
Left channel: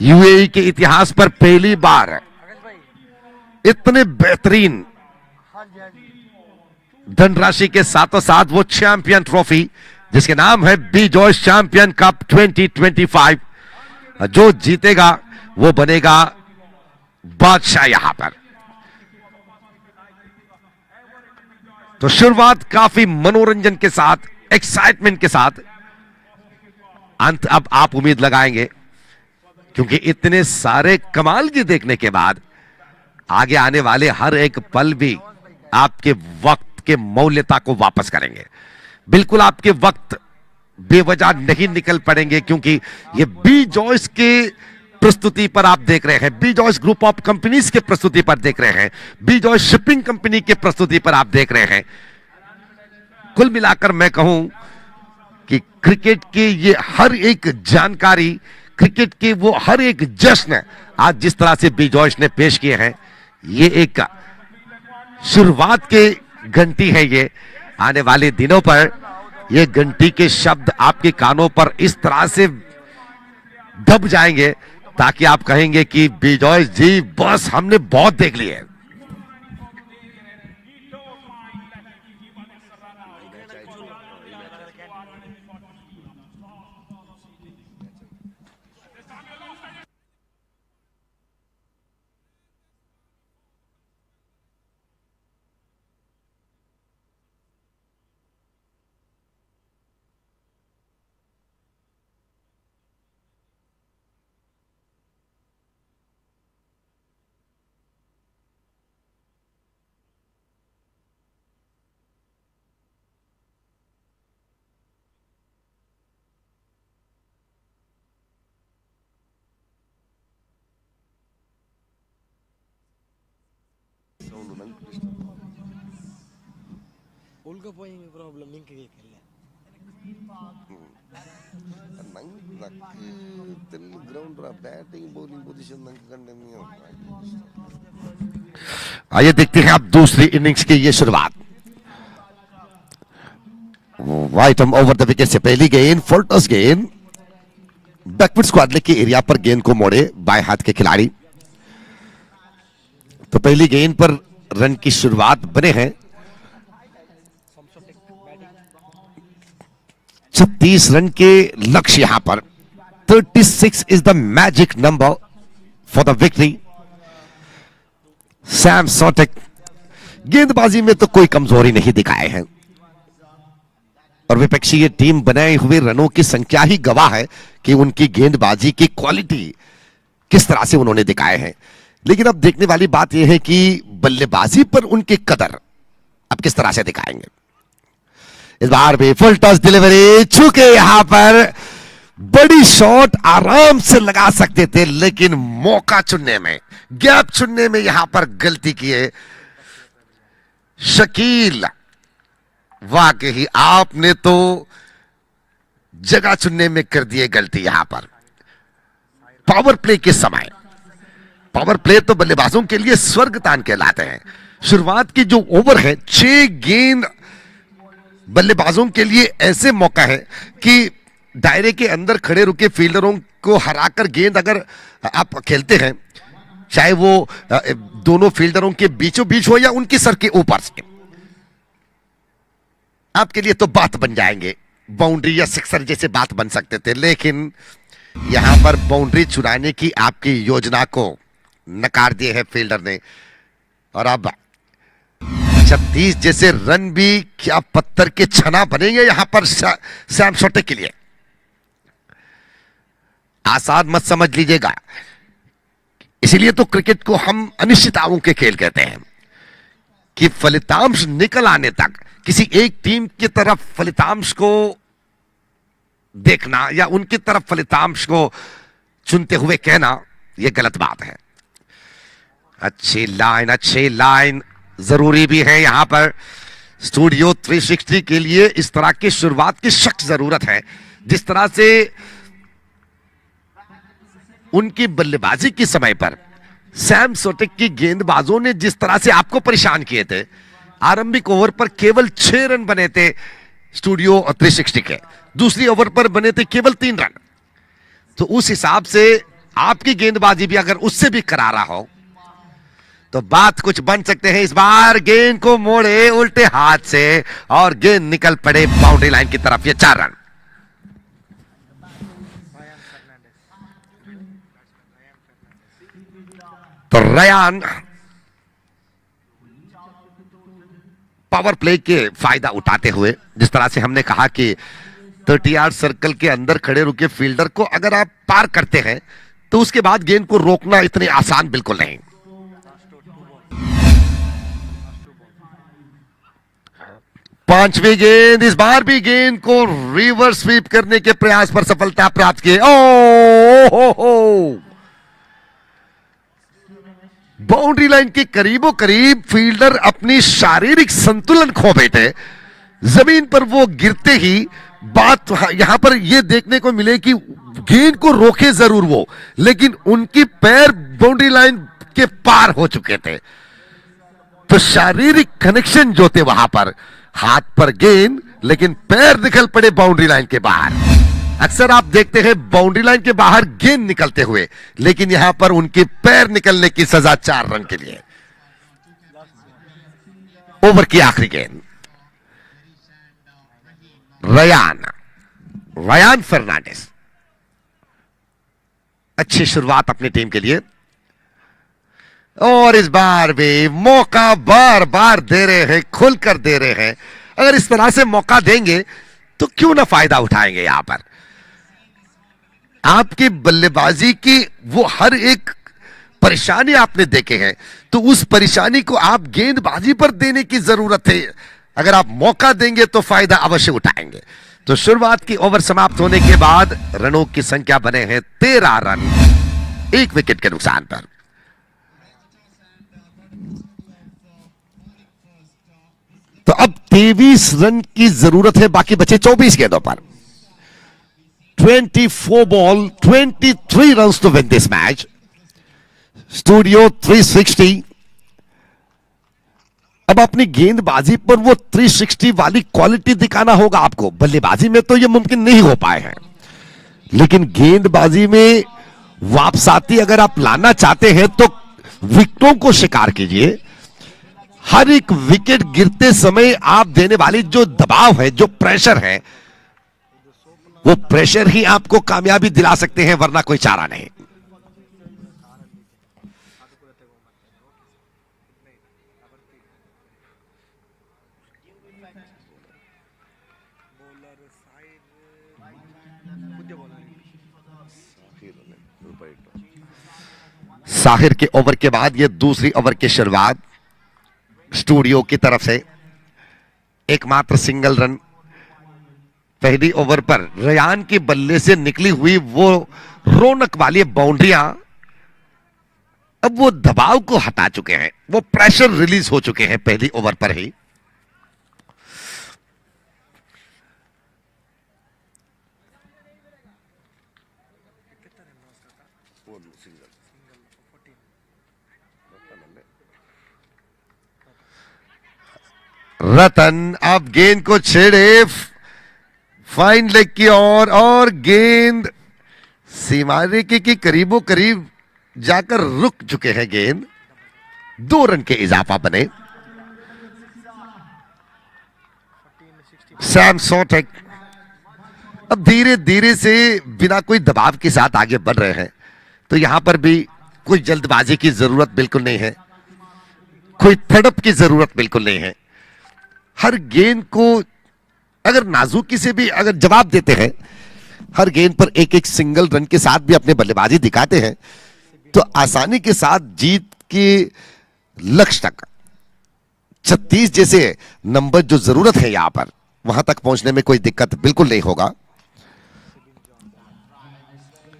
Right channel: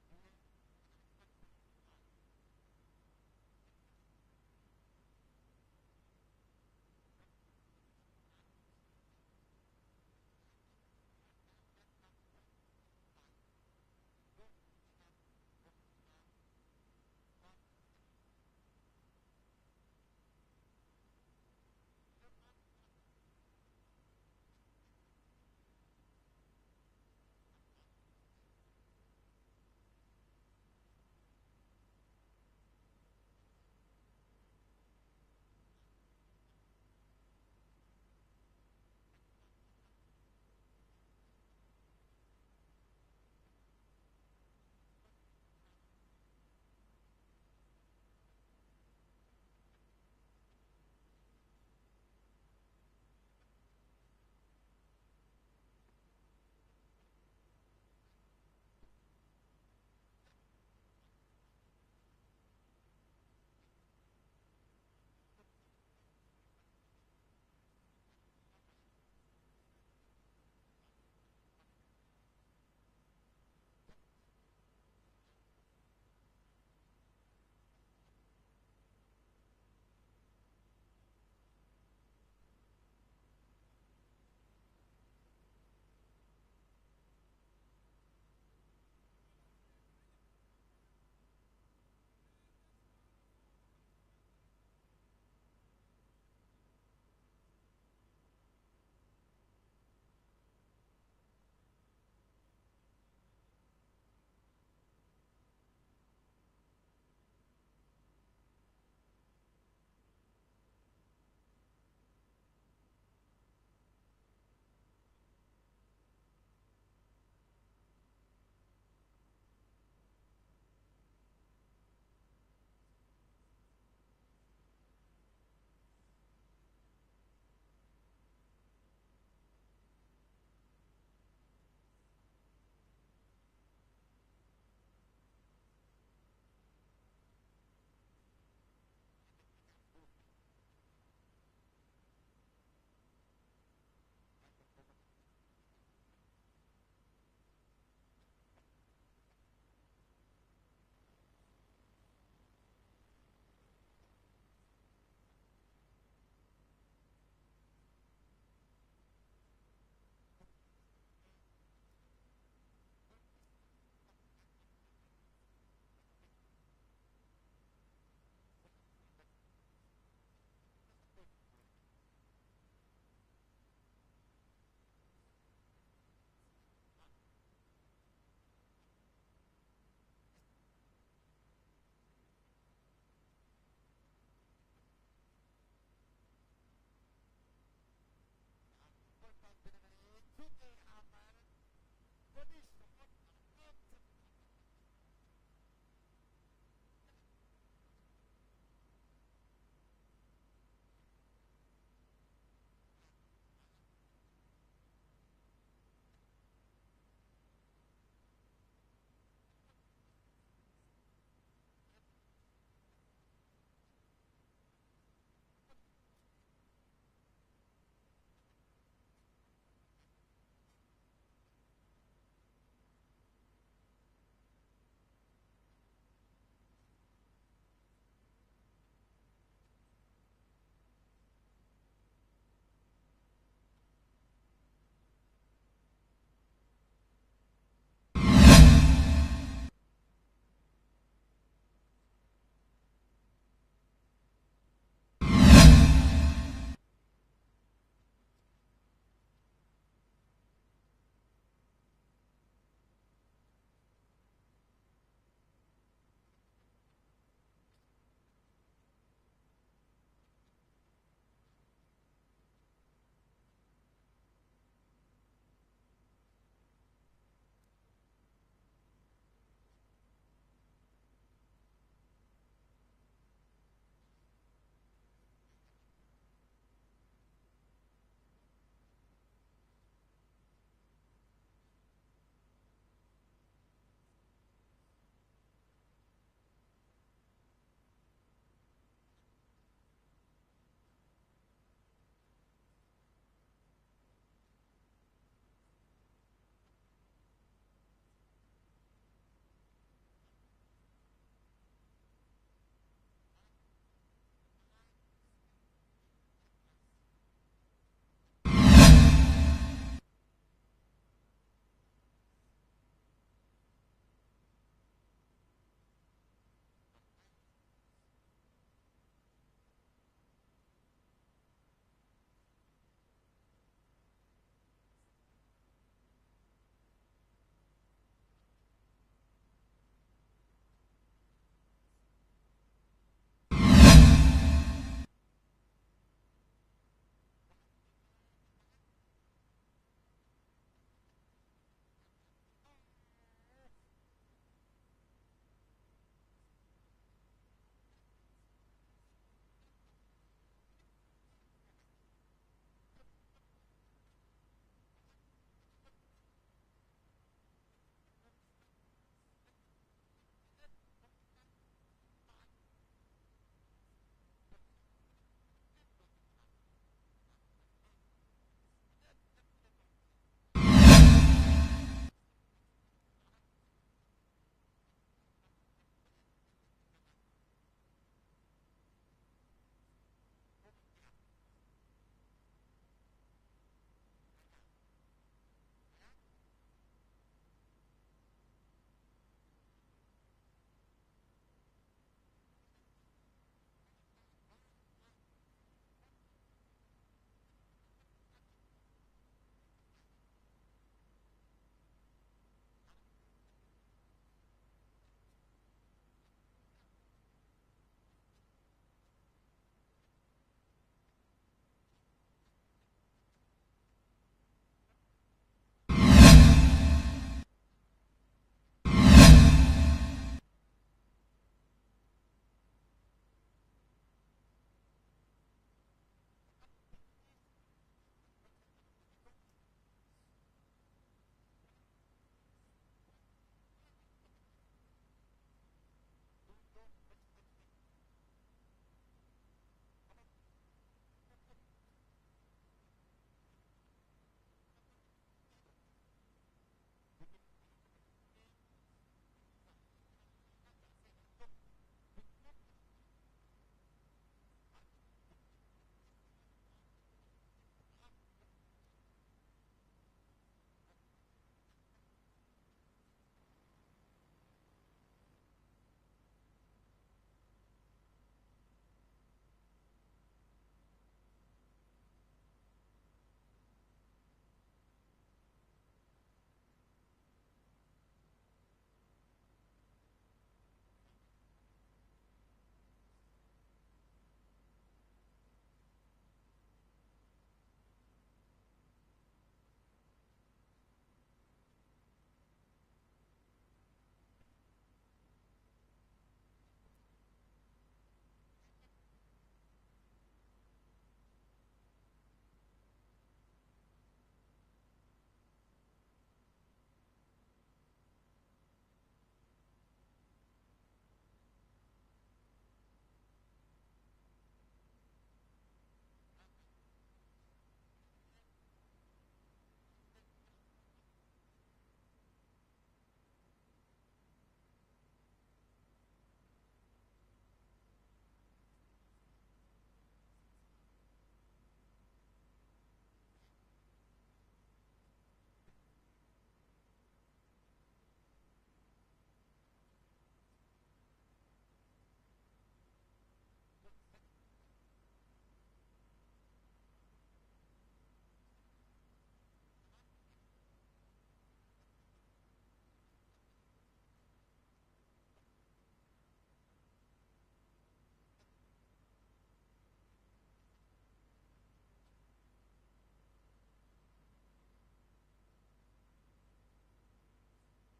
यूएई के इतिहास पर पहली बार इतने बेहतरीन धनराशि के साथों साथ वो चैंपियन ट्रॉफी जिसके नाम है बी जॉयस चैंपियन कप 2025, जो जीतेगा वो बनेगा बादशाह यहां पर। तो शुरुआत काफी मनोरंजन के साथ, एक्साइटमेंट के साथ, अंत अब आप उम्मीद लगाएंगे क्योंकि इतने सारे कमाल की देखने के बाद आगे आने वाले हर एक पल भी आपके वक्त के मौल्यता को वापस करेंगे। बिल्कुल आपके वक्त बेवजह नहीं निकल पड़ेंगे क्योंकि ये बी जॉयस के प्रस्तुति पर आप देख रहे हैं, B Joyce group of companies के प्रस्तुति पर देख रहे हैं, बी जॉयस शिपिंग कंपनी के प्रस्तुति पर आप देख रहे हैं। कुल मिलाकर मैं कहूं कि क्रिकेट के ये हर एक जानकारी, क्रिकेट के वो हर एक जश्न आज जिस तरह से बी जॉयस ने पेश किए हैं, ये एक शुरुआत के घंटी है। ये आने वाले दिनों पर ये घंटी के शब्द आपके कानों पर इस तरह से दब जाएंगे ताकि आप कहेंगे कि बी जॉयस जी बस हमने बहुत देख लिया है। ಉಳ್ಕೋಪೋಯಿಂಗ್ ಪ್ರಾಬ್ಲಮ್ ನಿಂಗೆ ಕೇಳಿಲ್ಲ ನಂಗೆ ಗ್ರೌಂಡ್ बैटिंग बॉलिंग पोजीशन ನಂಗೆ कंडे नहीं होता। आइए देखते हैं अब दूसरी इनिंग्स की ये शुरुआत। वाइट ओवर द विकेट से पहली गेंद, फोल्टस गेंद, बैकवर्ड स्क्वाड के एरिया पर गेंद को मोड़े बाएं हाथ के खिलाड़ी। तो पहली गेंद पर रन की शुरुआत बने हैं। 36 रन के लक्ष्य यहां पर। 36 is the magic number for the victory. Sam सॉटेक गेंदबाजी में तो कोई कमजोरी नहीं दिखाए हैं और विपक्षी ये टीम बनाए हुए रनों की संख्या ही गवाह है कि उनकी गेंदबाजी की क्वालिटी किस तरह से उन्होंने दिखाए हैं। लेकिन अब देखने वाली बात यह है कि बल्लेबाजी पर उनके कदर अब किस तरह से दिखाएंगे। इस बार भी फुल टॉस डिलीवरी, चूंकि यहां पर बड़ी शॉट आराम से लगा सकते थे लेकिन मौका चुनने में, गैप चुनने में यहां पर गलती की है शकील। वाकई आपने तो जगह चुनने में कर दिए गलती यहां पर। पावर प्ले के समय, पावर प्ले तो बल्लेबाजों के लिए स्वर्गदान कहलाते हैं। शुरुआत की जो ओवर है, 6 गेंद बल्लेबाजों के लिए ऐसे मौका है कि दायरे के अंदर खड़े रुके फील्डरों को हराकर गेंद अगर आप खेलते हैं, चाहे वो दोनों फील्डरों के बीचों बीच हो या उनके सर के ऊपर से, आपके लिए तो बात बन जाएंगे, बाउंड्री या सिक्सर जैसे बात बन सकते थे, लेकिन यहां पर बाउंड्री चुराने की आपकी योजना को नकार दिए है फील्डर ने। और अब 36 जैसे रन भी क्या पत्थर के छना बनेंगे यहां पर सैम शॉटे के लिए। आसान मत समझ लीजिएगा, इसीलिए तो क्रिकेट को हम अनिश्चितताओं के खेल कहते हैं कि फलितांश निकल आने तक किसी एक टीम की तरफ फलितांश को देखना या उनकी तरफ फलितांश को चुनते हुए कहना यह गलत बात है। अच्छी लाइन जरूरी भी है यहां पर। स्टूडियो 360 के लिए इस तरह की शुरुआत की सख्त जरूरत है। जिस तरह से उनकी बल्लेबाजी के समय पर सैम सोटेक की गेंदबाजों ने जिस तरह से आपको परेशान किए थे, आरंभिक ओवर पर केवल 6 रन बने थे स्टूडियो 360 के, दूसरी ओवर पर बने थे केवल 3 रन। तो उस हिसाब से आपकी गेंदबाजी भी अगर उससे भी करारा हो तो बात कुछ बन सकते हैं। इस बार गेंद को मोड़े उल्टे हाथ से और गेंद निकल पड़े बाउंड्री लाइन की तरफ, ये 4 रन। तो रयान पावर प्ले के फायदा उठाते हुए, जिस तरह से हमने कहा कि 30 यार्ड सर्कल के अंदर खड़े रुके फील्डर को अगर आप पार करते हैं तो उसके बाद गेंद को रोकना इतनी आसान बिल्कुल नहीं। पांचवी गेंद, इस बार भी गेंद को रिवर्स स्वीप करने के प्रयास पर सफलता प्राप्त की। बाउंड्री लाइन के करीबों करीब फील्डर अपनी शारीरिक संतुलन खो बैठे। जमीन पर वो गिरते ही बात यहां पर यह देखने को मिले कि गेंद को रोके जरूर वो, लेकिन उनकी पैर बाउंड्री लाइन के पार हो चुके थे। तो शारीरिक कनेक्शन जो थे वहां पर, हाथ पर गेंद लेकिन पैर निकल पड़े बाउंड्री लाइन के बाहर। अक्सर आप देखते हैं बाउंड्री लाइन के बाहर गेंद निकलते हुए, लेकिन यहां पर उनके पैर निकलने की सजा 4 रन के लिए। ओवर की आखिरी गेंद, रयान फर्नांडिस, अच्छी शुरुआत अपनी टीम के लिए। और इस बार भी मौका बार बार दे रहे हैं, खुलकर दे रहे हैं। अगर इस तरह से मौका देंगे तो क्यों ना फायदा उठाएंगे। यहां पर आपकी बल्लेबाजी की वो हर एक परेशानी आपने देखे हैं, तो उस परेशानी को आप गेंदबाजी पर देने की जरूरत है। अगर आप मौका देंगे तो फायदा अवश्य उठाएंगे। तो शुरुआत की ओवर समाप्त होने के बाद रनों की संख्या बने हैं 13 रन, 1 विकेट के नुकसान पर। तो अब 23 रन की जरूरत है बाकी बचे 24 गेंदों पर। 24 ball 23 runs to win this match. Studio 360 अब अपनी गेंदबाजी पर वो 360 वाली क्वालिटी दिखाना होगा आपको। बल्लेबाजी में तो ये मुमकिन नहीं हो पाए हैं, लेकिन गेंदबाजी में वापसाती अगर आप लाना चाहते हैं तो विकेटों को शिकार कीजिए। हर एक विकेट गिरते समय आप देने वाली जो दबाव है, जो प्रेशर है, वो प्रेशर ही आपको कामयाबी दिला सकते हैं, वरना कोई चारा नहीं। साहिर के ओवर के बाद ये दूसरी ओवर की शुरुआत स्टूडियो की तरफ से। एकमात्र सिंगल रन पहली ओवर पर रयान के बल्ले से निकली हुई वो रौनक वाली बाउंड्रियां अब वो दबाव को हटा चुके हैं, वो प्रेशर रिलीज हो चुके हैं पहली ओवर पर ही। रतन अब गेंद को छेड़े फाइन लेग की ओर, और गेंद सीमा रेखे के करीबों करीब जाकर रुक चुके हैं। गेंद 2 रन के इजाफा बने। सैम सोटेक अब धीरे धीरे से बिना कोई दबाव के साथ आगे बढ़ रहे हैं, तो यहां पर भी कोई जल्दबाजी की जरूरत बिल्कुल नहीं है, कोई तड़प की जरूरत बिल्कुल नहीं है। हर गेंद को अगर नाजुकी से भी अगर जवाब देते हैं, हर गेंद पर एक एक सिंगल रन के साथ भी अपने बल्लेबाजी दिखाते हैं, तो आसानी के साथ जीत के लक्ष्य तक 36 जैसे नंबर जो जरूरत है यहां पर, वहां तक पहुंचने में कोई दिक्कत बिल्कुल नहीं होगा।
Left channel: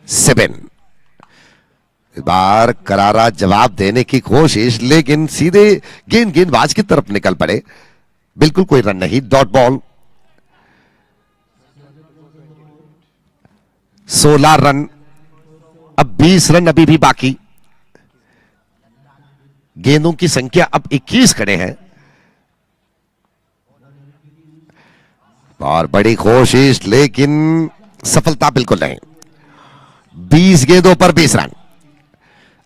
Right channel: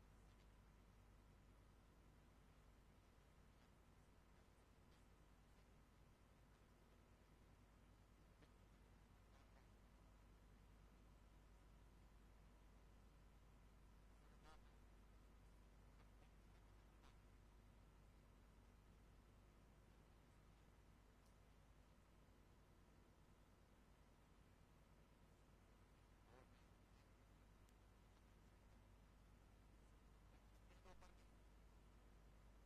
7 इस बार करारा जवाब देने की कोशिश, लेकिन सीधे गेंदबाज की तरफ निकल पड़े, बिल्कुल कोई रन नहीं, डॉट बॉल। 16 रन, अब 20 रन अभी भी बाकी, गेंदों की संख्या अब 21 खड़े हैं, और बड़ी कोशिश लेकिन सफलता बिल्कुल नहीं। 20 गेंदों पर 20 रन।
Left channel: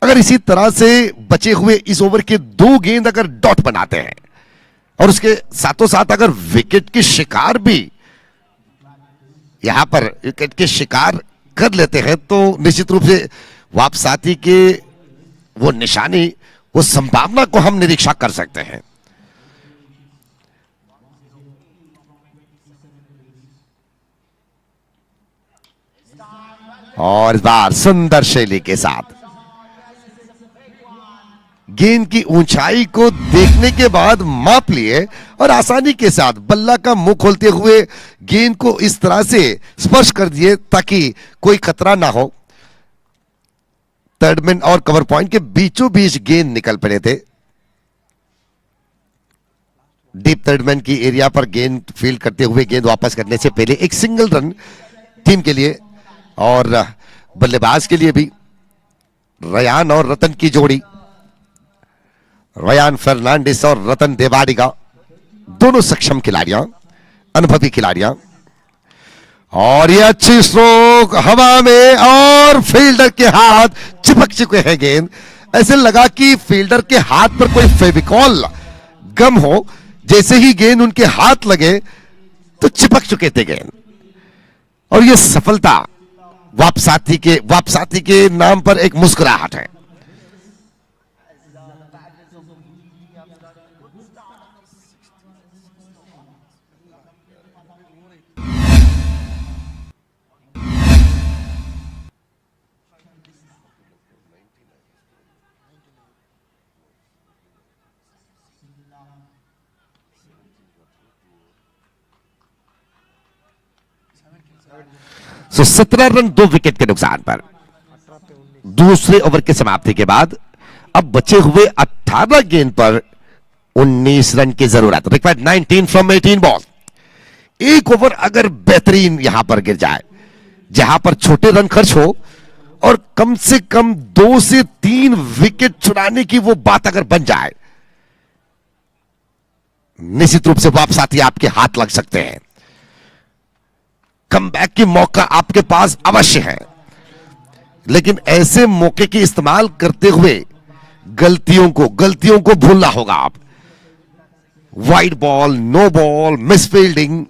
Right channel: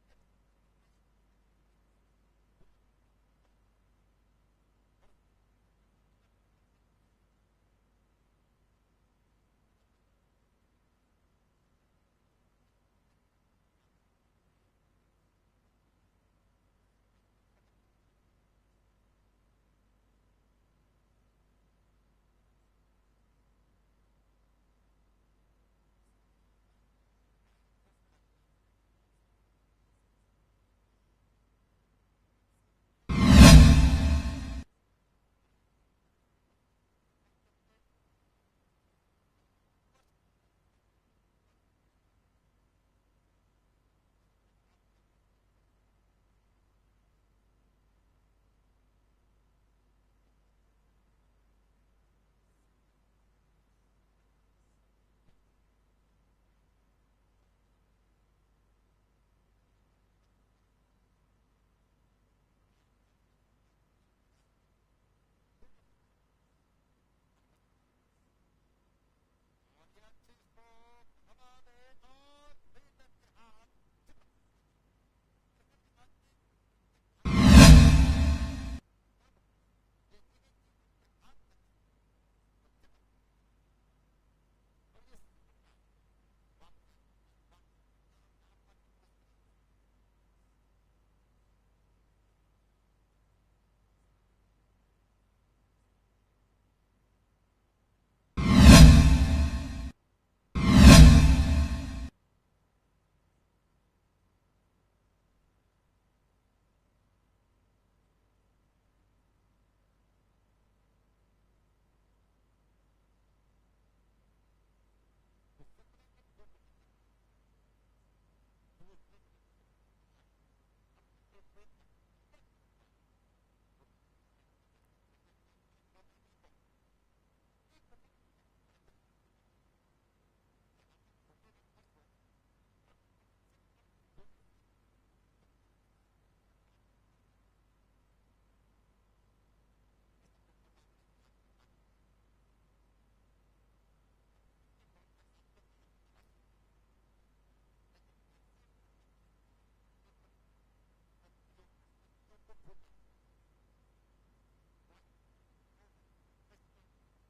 अगर इसी तरह से बचे हुए इस ओवर के 2 गेंद अगर डॉट बनाते हैं और उसके साथों साथ अगर विकेट के शिकार भी यहां पर विकेट के शिकार कर लेते हैं, तो निश्चित रूप से वापसाती के वो निशानी, वो संभावना को हम निरीक्षण कर सकते हैं। और इस बार सुंदर शैली के साथ गेंद की ऊंचाई को देखने के बाद माप लिए और आसानी के साथ बल्ला का मुंह खोलते हुए गेंद को इस तरह से स्पर्श कर दिए ताकि कोई खतरा ना हो। थर्ड मैन और कवर पॉइंट के बीचों बीच गेंद निकल पड़े थे। डीप थर्ड मैन की एरिया पर गेंद फील्ड करते हुए गेंद वापस करने से पहले एक सिंगल रन टीम के लिए और बल्लेबाज के लिए भी। रयान और रतन की जोड़ी, रयान फर्नांडिस और रतन देवाडिगा, दोनों सक्षम खिलाड़ियां, अनुभवी खिलाड़ियां, और ये अच्छी स्ट्रोक हवा में और फील्डर के हाथ चिपक चुके हैं गेंद। ऐसे लगा कि फील्डर के हाथ पर कोई फेविकॉल गम हो, जैसे ही गेंद उनके हाथ लगे तो चिपक चुके थे गेंद। और ये सफलता वापसाती के नाम पर एक मुस्कुराहट है। सो 17 रन 2 विकेट के नुकसान पर दूसरे ओवर के समाप्ति के बाद अब बचे हुए 18 गेंद पर 19 रन की जरूरत। Required 19 from 18 ball. एक ओवर अगर बेहतरीन यहां पर गिर जाए, जहां पर छोटे रन खर्च हो और कम से कम 2 से 3 विकेट चुराने की वो बात अगर बन जाए, निश्चित रूप से वापसाती आपके हाथ लग सकते हैं। कमबैक की मौका आपके पास अवश्य है, लेकिन ऐसे मौके की इस्तेमाल करते हुए गलतियों को भूलना होगा। आप wide ball, no ball, miss fielding,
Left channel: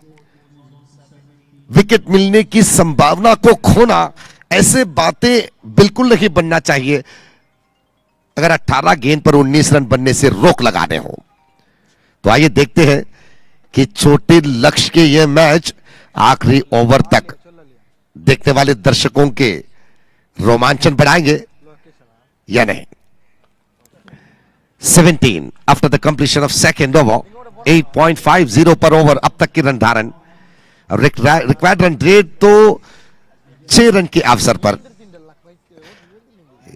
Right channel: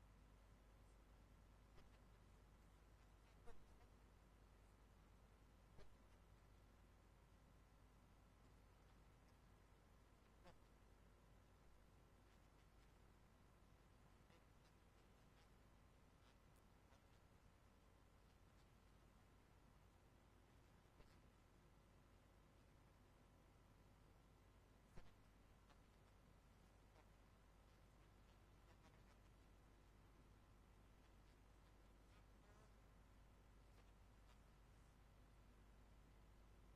wicket मिलने की संभावना को खोना, ऐसे बातें बिल्कुल नहीं बनना चाहिए अगर 18 गेंद पर 19 रन बनने से रोक लगाने हो। तो आइए देखते हैं कि छोटे लक्ष्य के यह मैच आखिरी ओवर तक देखने वाले दर्शकों के रोमांचन बढ़ाएंगे या नहीं। 17 after the completion of second over, 8.50 पर ओवर अब तक की रन धारण। रिक्वायर्ड रन रेट तो 6 रन के अवसर पर।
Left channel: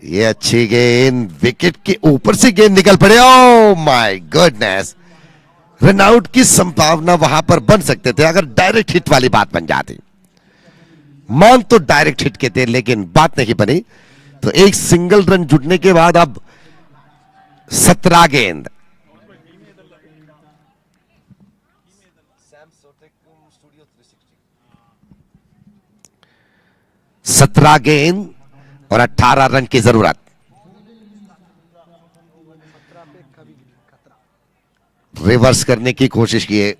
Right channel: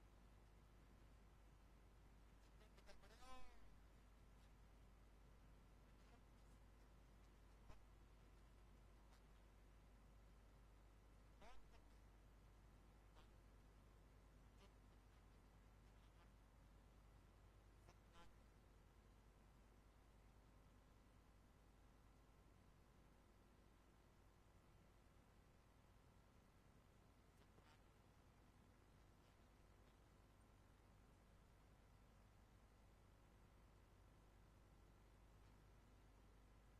ये अच्छी गेंद, विकेट के ऊपर से गेंद निकल पड़े। Oh my goodness, run out की संभावना वहां पर बन सकते थे अगर डायरेक्ट हिट वाली बात बन जाती। मान तो डायरेक्ट हिट के थे, लेकिन बात नहीं बनी। तो एक सिंगल रन जुटने के बाद अब 17 गेंद। सत्रह गेंद और 18 रन की जरूरत। रिवर्स करने की कोशिश किए,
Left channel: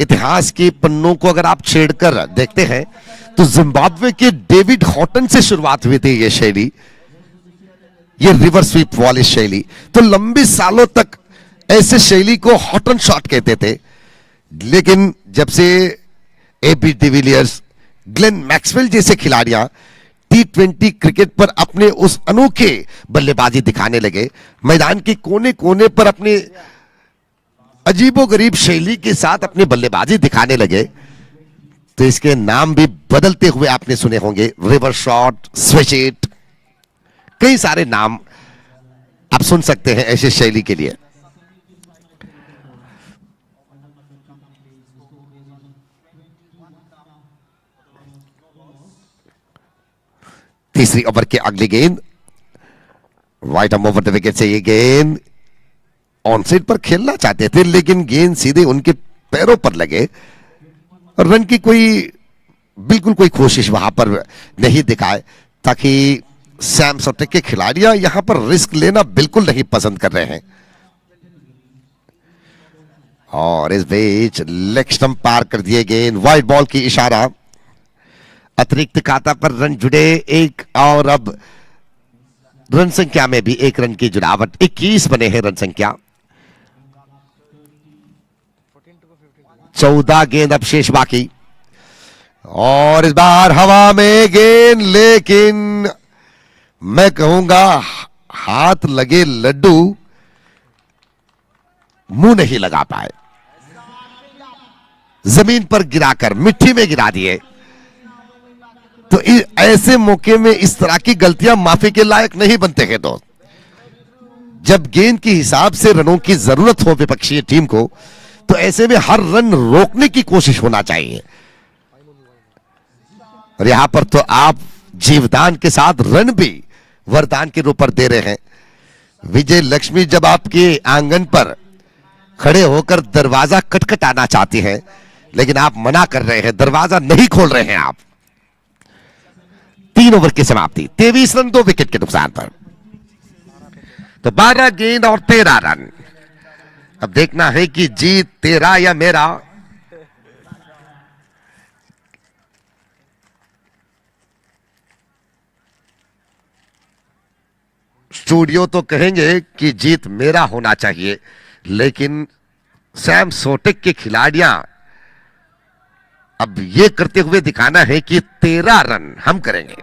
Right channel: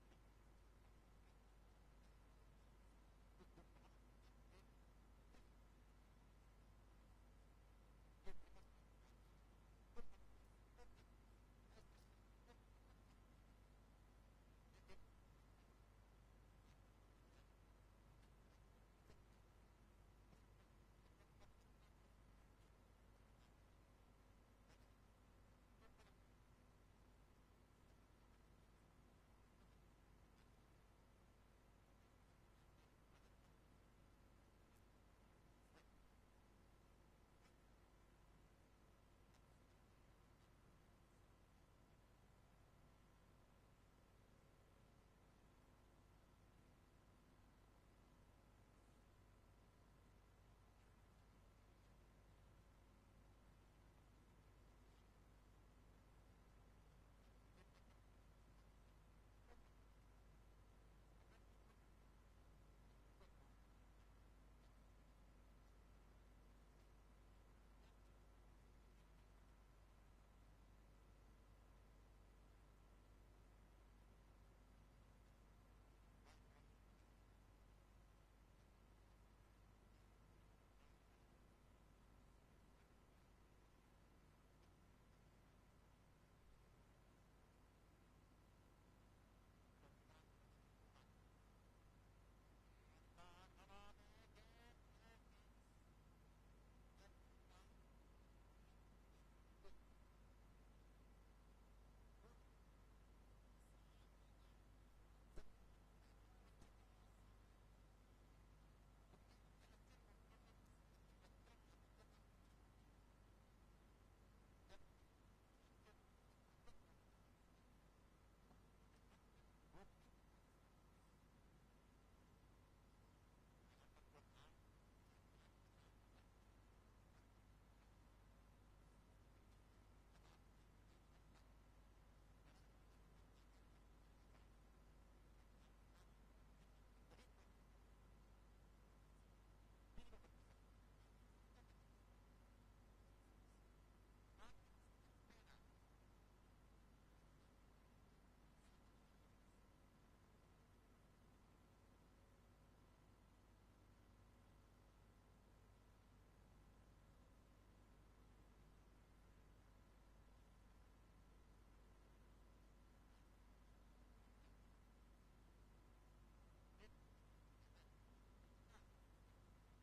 इतिहास के पन्नों को अगर आप छेड़कर देखते हैं तो जिम्बाब्वे के डेविड हॉटन से शुरुआत हुई थी ये शैली, ये रिवर स्वीप वॉलिस शैली। तो लंबे सालों तक ऐसे शैली को हॉटन शॉट कहते थे, लेकिन जब से एबी डिविलियर्स, ग्लेन मैक्सवेल जैसे खिलाड़ियां T20 क्रिकेट पर अपने उस अनोखे बल्लेबाजी दिखाने लगे, मैदान के कोने कोने पर अपने अजीबोगरीब शैली के साथ अपनी बल्लेबाजी दिखाने लगे, तो इसके नाम भी बदलते हुए आपने सुने होंगे। रिवर शॉट, स्विच इट, कई सारे नाम आप सुन सकते हैं ऐसे शैली के लिए। तीसरी ओवर की अगली गेंद wide arm over the wicket से ये गेंद ऑन साइड पर खेलना चाहते थे, लेकिन गेंद सीधे उनके पैरों पर लगे और रन की बिल्कुल कोई कोशिश वहां पर नहीं दिखाए, ताकि सैम सोटेक के खिलाड़ियां यहां पर रिस्क लेना बिल्कुल नहीं पसंद कर रहे हैं। और इस बीच लेग स्टंप पार कर दिए गेंद, वाइड बॉल की इशारा, अतिरिक्त खाता पर रन जुड़े एक, और अब रन संख्या में भी एक रन की जुड़ावट, 21 बने हैं रन संख्या। 14 गेंद अब शेष बाकी, और इस बार हवा में गेंद, लेकिन मैं कहूंगा हाथ लगे लड्डू मुंह नहीं लगा पाए, जमीन पर गिराकर मिट्टी में गिरा दिए। तो ऐसे मौके में इस तरह की गलतियां माफी के लायक नहीं बनते हैं दोस्त। जब गेंद के हिसाब से रनों की जरूरत हो विपक्षी टीम को, तो ऐसे में हर रन रोकने की कोशिश होना चाहिए, और यहां पर तो आप जीवदान के साथ रन भी वरदान के रूप पर दे रहे हैं। विजय लक्ष्मी जब आपके आंगन पर खड़े होकर दरवाजा खटखटाना चाहती हैं, लेकिन आप मना कर रहे हैं, दरवाजा नहीं खोल रहे हैं आप। 3 ओवर की समाप्ति, 23 रन 2 विकेट के नुकसान पर। तो 12 गेंद और 13 रन। अब देखना है कि जीत तेरा या मेरा। स्टूडियो तो कहेंगे कि जीत मेरा होना चाहिए, लेकिन सैम सोटेक के खिलाड़ियां अब यह करते हुए दिखाना है कि 13 रन हम करेंगे।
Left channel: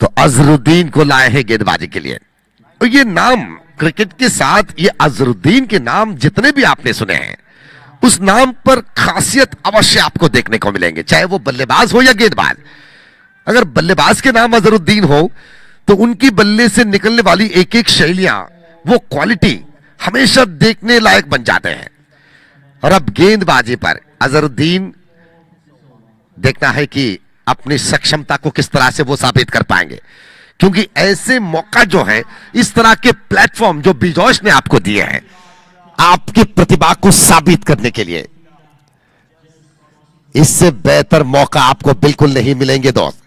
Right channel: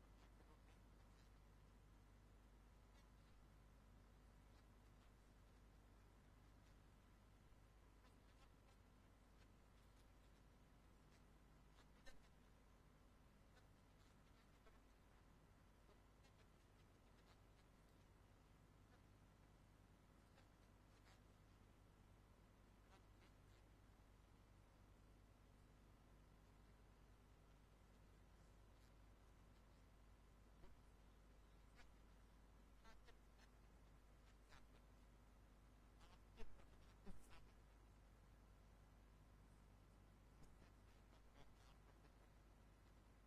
तो अजरुद्दीन को लाए हैं गेंदबाजी के लिए। और ये नाम क्रिकेट के साथ, ये अजरुद्दीन के नाम जितने भी आपने सुने हैं, उस नाम पर खासियत अवश्य आपको देखने को मिलेंगे, चाहे वो बल्लेबाज हो या गेंदबाज। अगर बल्लेबाज के नाम अजरुद्दीन हो, तो उनकी बल्ले से निकलने वाली एक एक शैलियां, वो क्वालिटी हमेशा देखने लायक बन जाते हैं। और अब गेंदबाजी पर अजरुद्दीन देखना है कि अपनी सक्षमता को किस तरह से वो साबित कर पाएंगे, क्योंकि ऐसे मौका जो है, इस तरह के प्लेटफॉर्म जो बिजॉयस ने आपको दिए हैं आपकी प्रतिभा को साबित करने के लिए, इससे बेहतर मौका आपको बिल्कुल नहीं मिलेंगे दोस्त।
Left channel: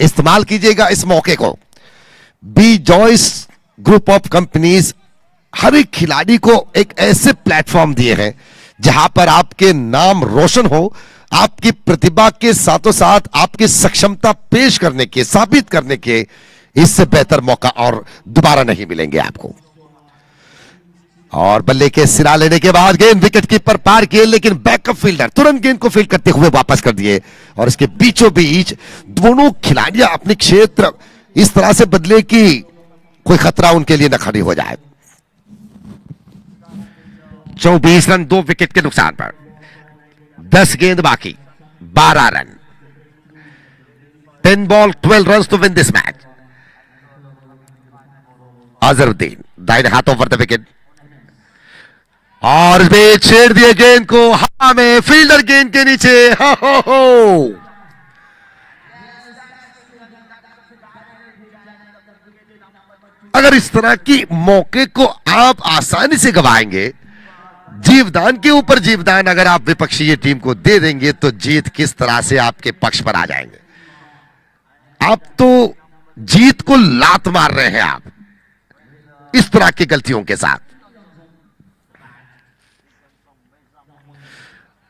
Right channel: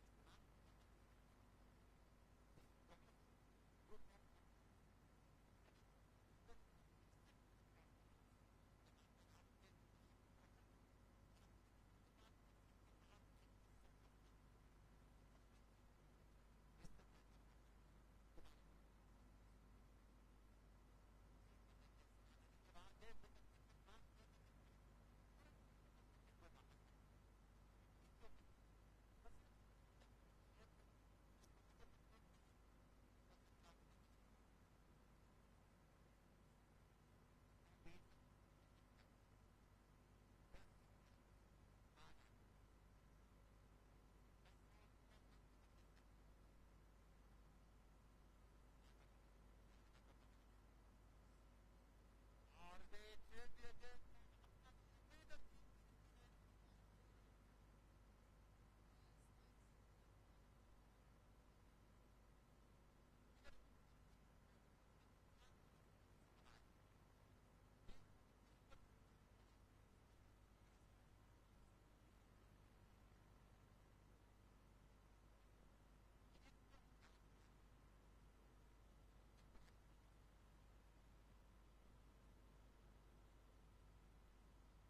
इस्तेमाल कीजिएगा इस मौके को। बिजॉयस ग्रुप ऑफ कंपनीज हर एक खिलाड़ी को एक ऐसे प्लेटफॉर्म दिए हैं जहां पर आपके नाम रोशन हो, आपकी प्रतिभा के साथों साथ आपकी सक्षमता पेश करने के, साबित करने के, इससे बेहतर मौका और दोबारा नहीं मिलेंगे आपको। और बल्ले के सिरा लेने के बाद गेंद विकेट कीपर पार किए, लेकिन बैकअप फील्डर तुरंत गेंद को फील्ड करते हुए वापस कर दिए, और इसके बीचों बीच दोनों खिलाड़ियां अपने क्षेत्र इस तरह से बदले कि कोई खतरा उनके लिए न खड़ी हो जाए। 24 रन 2 विकेट के नुकसान पर, 10 गेंद बाकी, 12 run, 10 ball 12 run to win this match. Azharuddin दाहिने हाथ ओवर द विकेट, और वे छेड़ दिए गेंद को हवा में, फील्डर गेंद के नीचे। हो। अगर इस तरह की मौके को आप आसानी से गवाएंगे, जीवदान के ऊपर जीवदान अगर आप विपक्षी टीम को दे देंगे, तो जीत किस तरह से आपके पक्ष पर आ जाएंगे। आप तो जीत को लात मार रहे हैं आप इस तरह की गलतियों के साथ।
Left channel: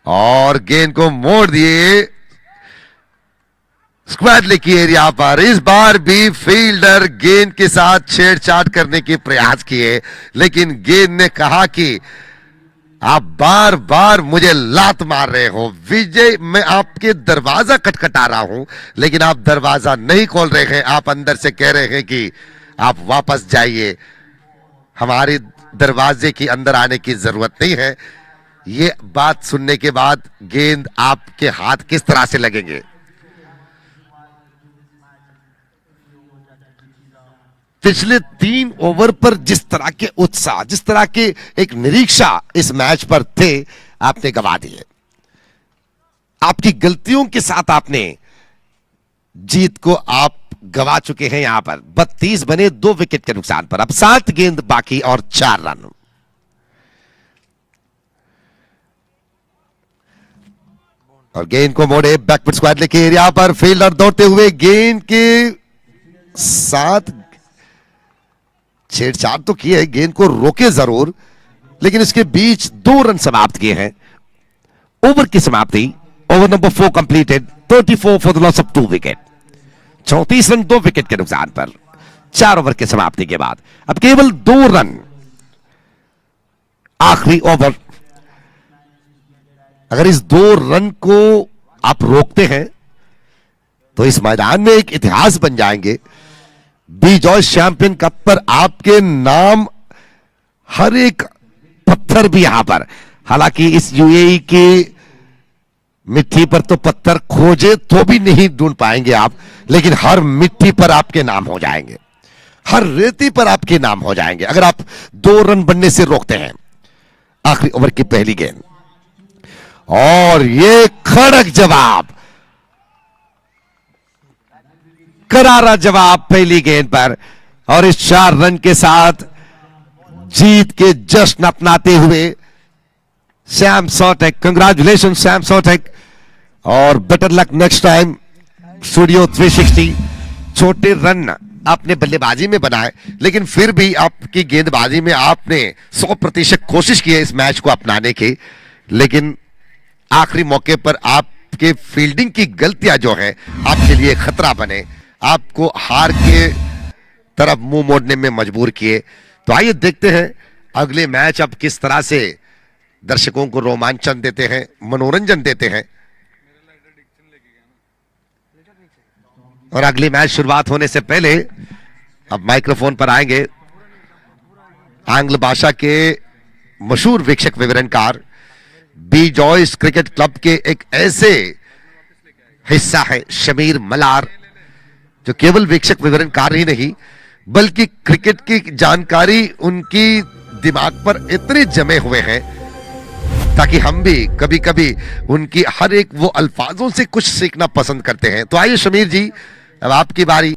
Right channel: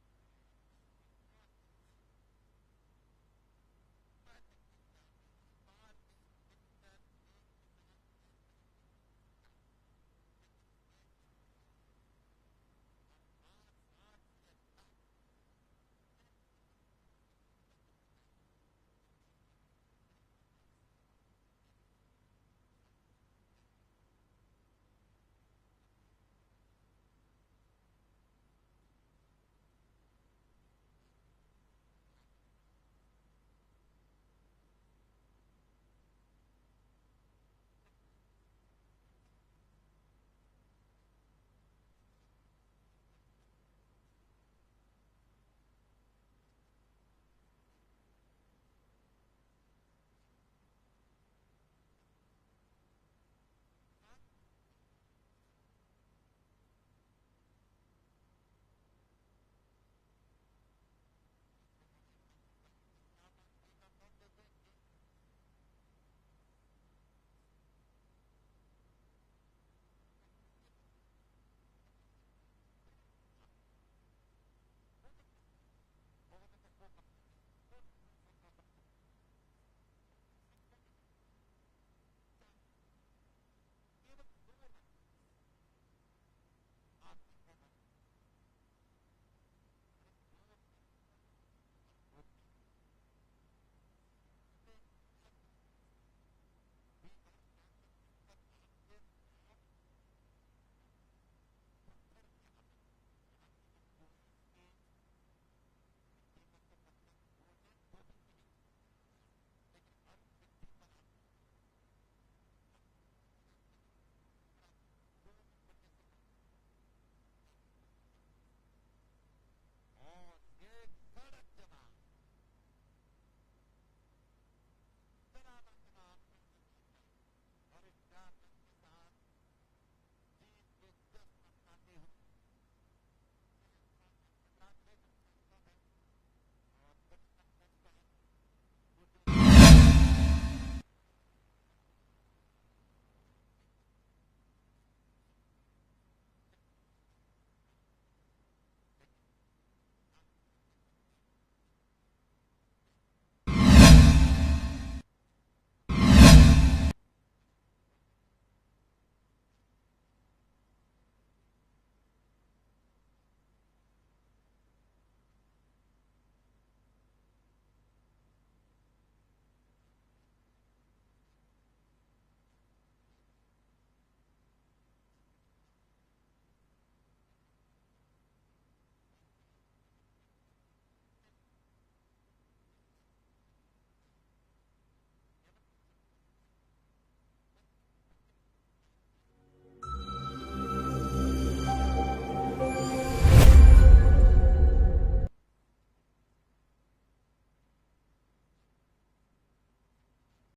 और गेंद को मोड़ दिए स्क्वाड लेग की एरिया पर। इस बार भी फील्डर गेंद के साथ छेड़छाड़ करने के प्रयास किए, लेकिन गेंद ने कहा कि आप बार बार मुझे लात मार रहे हो विजय, मैं आपके दरवाजा खटखटा रहा हूं, लेकिन आप दरवाजा नहीं खोल रहे हैं। आप अंदर से कह रहे हैं कि आप वापस जाइए, हमारे दरवाजे के अंदर आने की जरूरत नहीं है। ये बात सुनने के बाद गेंद आपके हाथ किस तरह से लगेंगे। पिछले 3 ओवर पर जिस तरह के उत्साह, जिस तरह के एक निरीक्षा इस मैच पर थे, आपने गवा दिए। आपकी गलतियों के साथ आपने जीत को आप गवा चुके हैं। यहां पर 32 बने 2 विकेट के नुकसान पर। अब 7 गेंद बाकी और 4 रन। और गेंद को मोड़े बैकवर्ड स्क्वाड लेग के एरिया पर। फील्डर दौड़ते हुए गेंद के साथ छेड़छाड़ तो किए है, गेंद को रोके जरूर, लेकिन इसके बीच 2 रन समाप्त किए हैं। ओवर की समाप्ति, over number 4 completed, 34 for the loss of 2 wicket. 34 run 2 wicket के नुकसान पर 4 ओवर की समाप्ति के बाद अब केवल 2 रन आखिरी ओवर। अगर इस 2 रन को आप रोकते हैं तो इस मैदान में एक इतिहास बन जाएंगे। बी जॉयस चैंपियन कप पर आपके नाम हर एक पत्थर भी यहां पर, हालांकि इस यूएई की मिट्टी पर तो पत्थर खोजे तो भी नहीं ढूंढ पाएंगे आप, लेकिन हर मिट्टी पर आपके नाम हो जाएंगे, हर रेती पर आपके नाम हो जाएंगे अगर आप 2 रन बनने से रोकते हैं। आखिरी ओवर की पहली गेंद और ये कड़क जवाब, करारा जवाब पहली गेंद पर। और इस 4 रन के साथ जीत के जश्न अपनाते हुए सैम सॉटेक, कंग्रेचुलेशन सैम सॉटेक, और better luck next time studio 360। छोटे रन आपने बल्लेबाजी में बनाए, लेकिन फिर भी आपकी गेंदबाजी में आपने 100% कोशिश की है इस मैच को अपनाने की, लेकिन आखिरी मौके पर आपके फील्डिंग की गलतियां जो है आपके लिए खतरा बने, आपको हार के तरफ मुंह मोड़ने में मजबूर किए। तो आइए देखते हैं अगले मैच अब किस तरह से दर्शकों को रोमांचन देते हैं, मनोरंजन देते हैं। और अगली मैच शुरुआत होने से पहले अब माइक्रोफोन पर आएंगे आंग्ल भाषा के मशहूर वीक्षक विवरणकार, बी जॉयस क्रिकेट क्लब के एक ऐसे हिस्सा है शमीर मलार, जो केवल वीक्षक विवरणकार ही नहीं बल्कि क्रिकेट की जानकारी उनकी दिमाग पर इतने जमे हुए हैं ताकि हम भी कभी कभी उनकी हर एक वो अल्फाजों से कुछ सीखना पसंद करते हैं। तो आइए शमीर जी, अब आपकी बारी।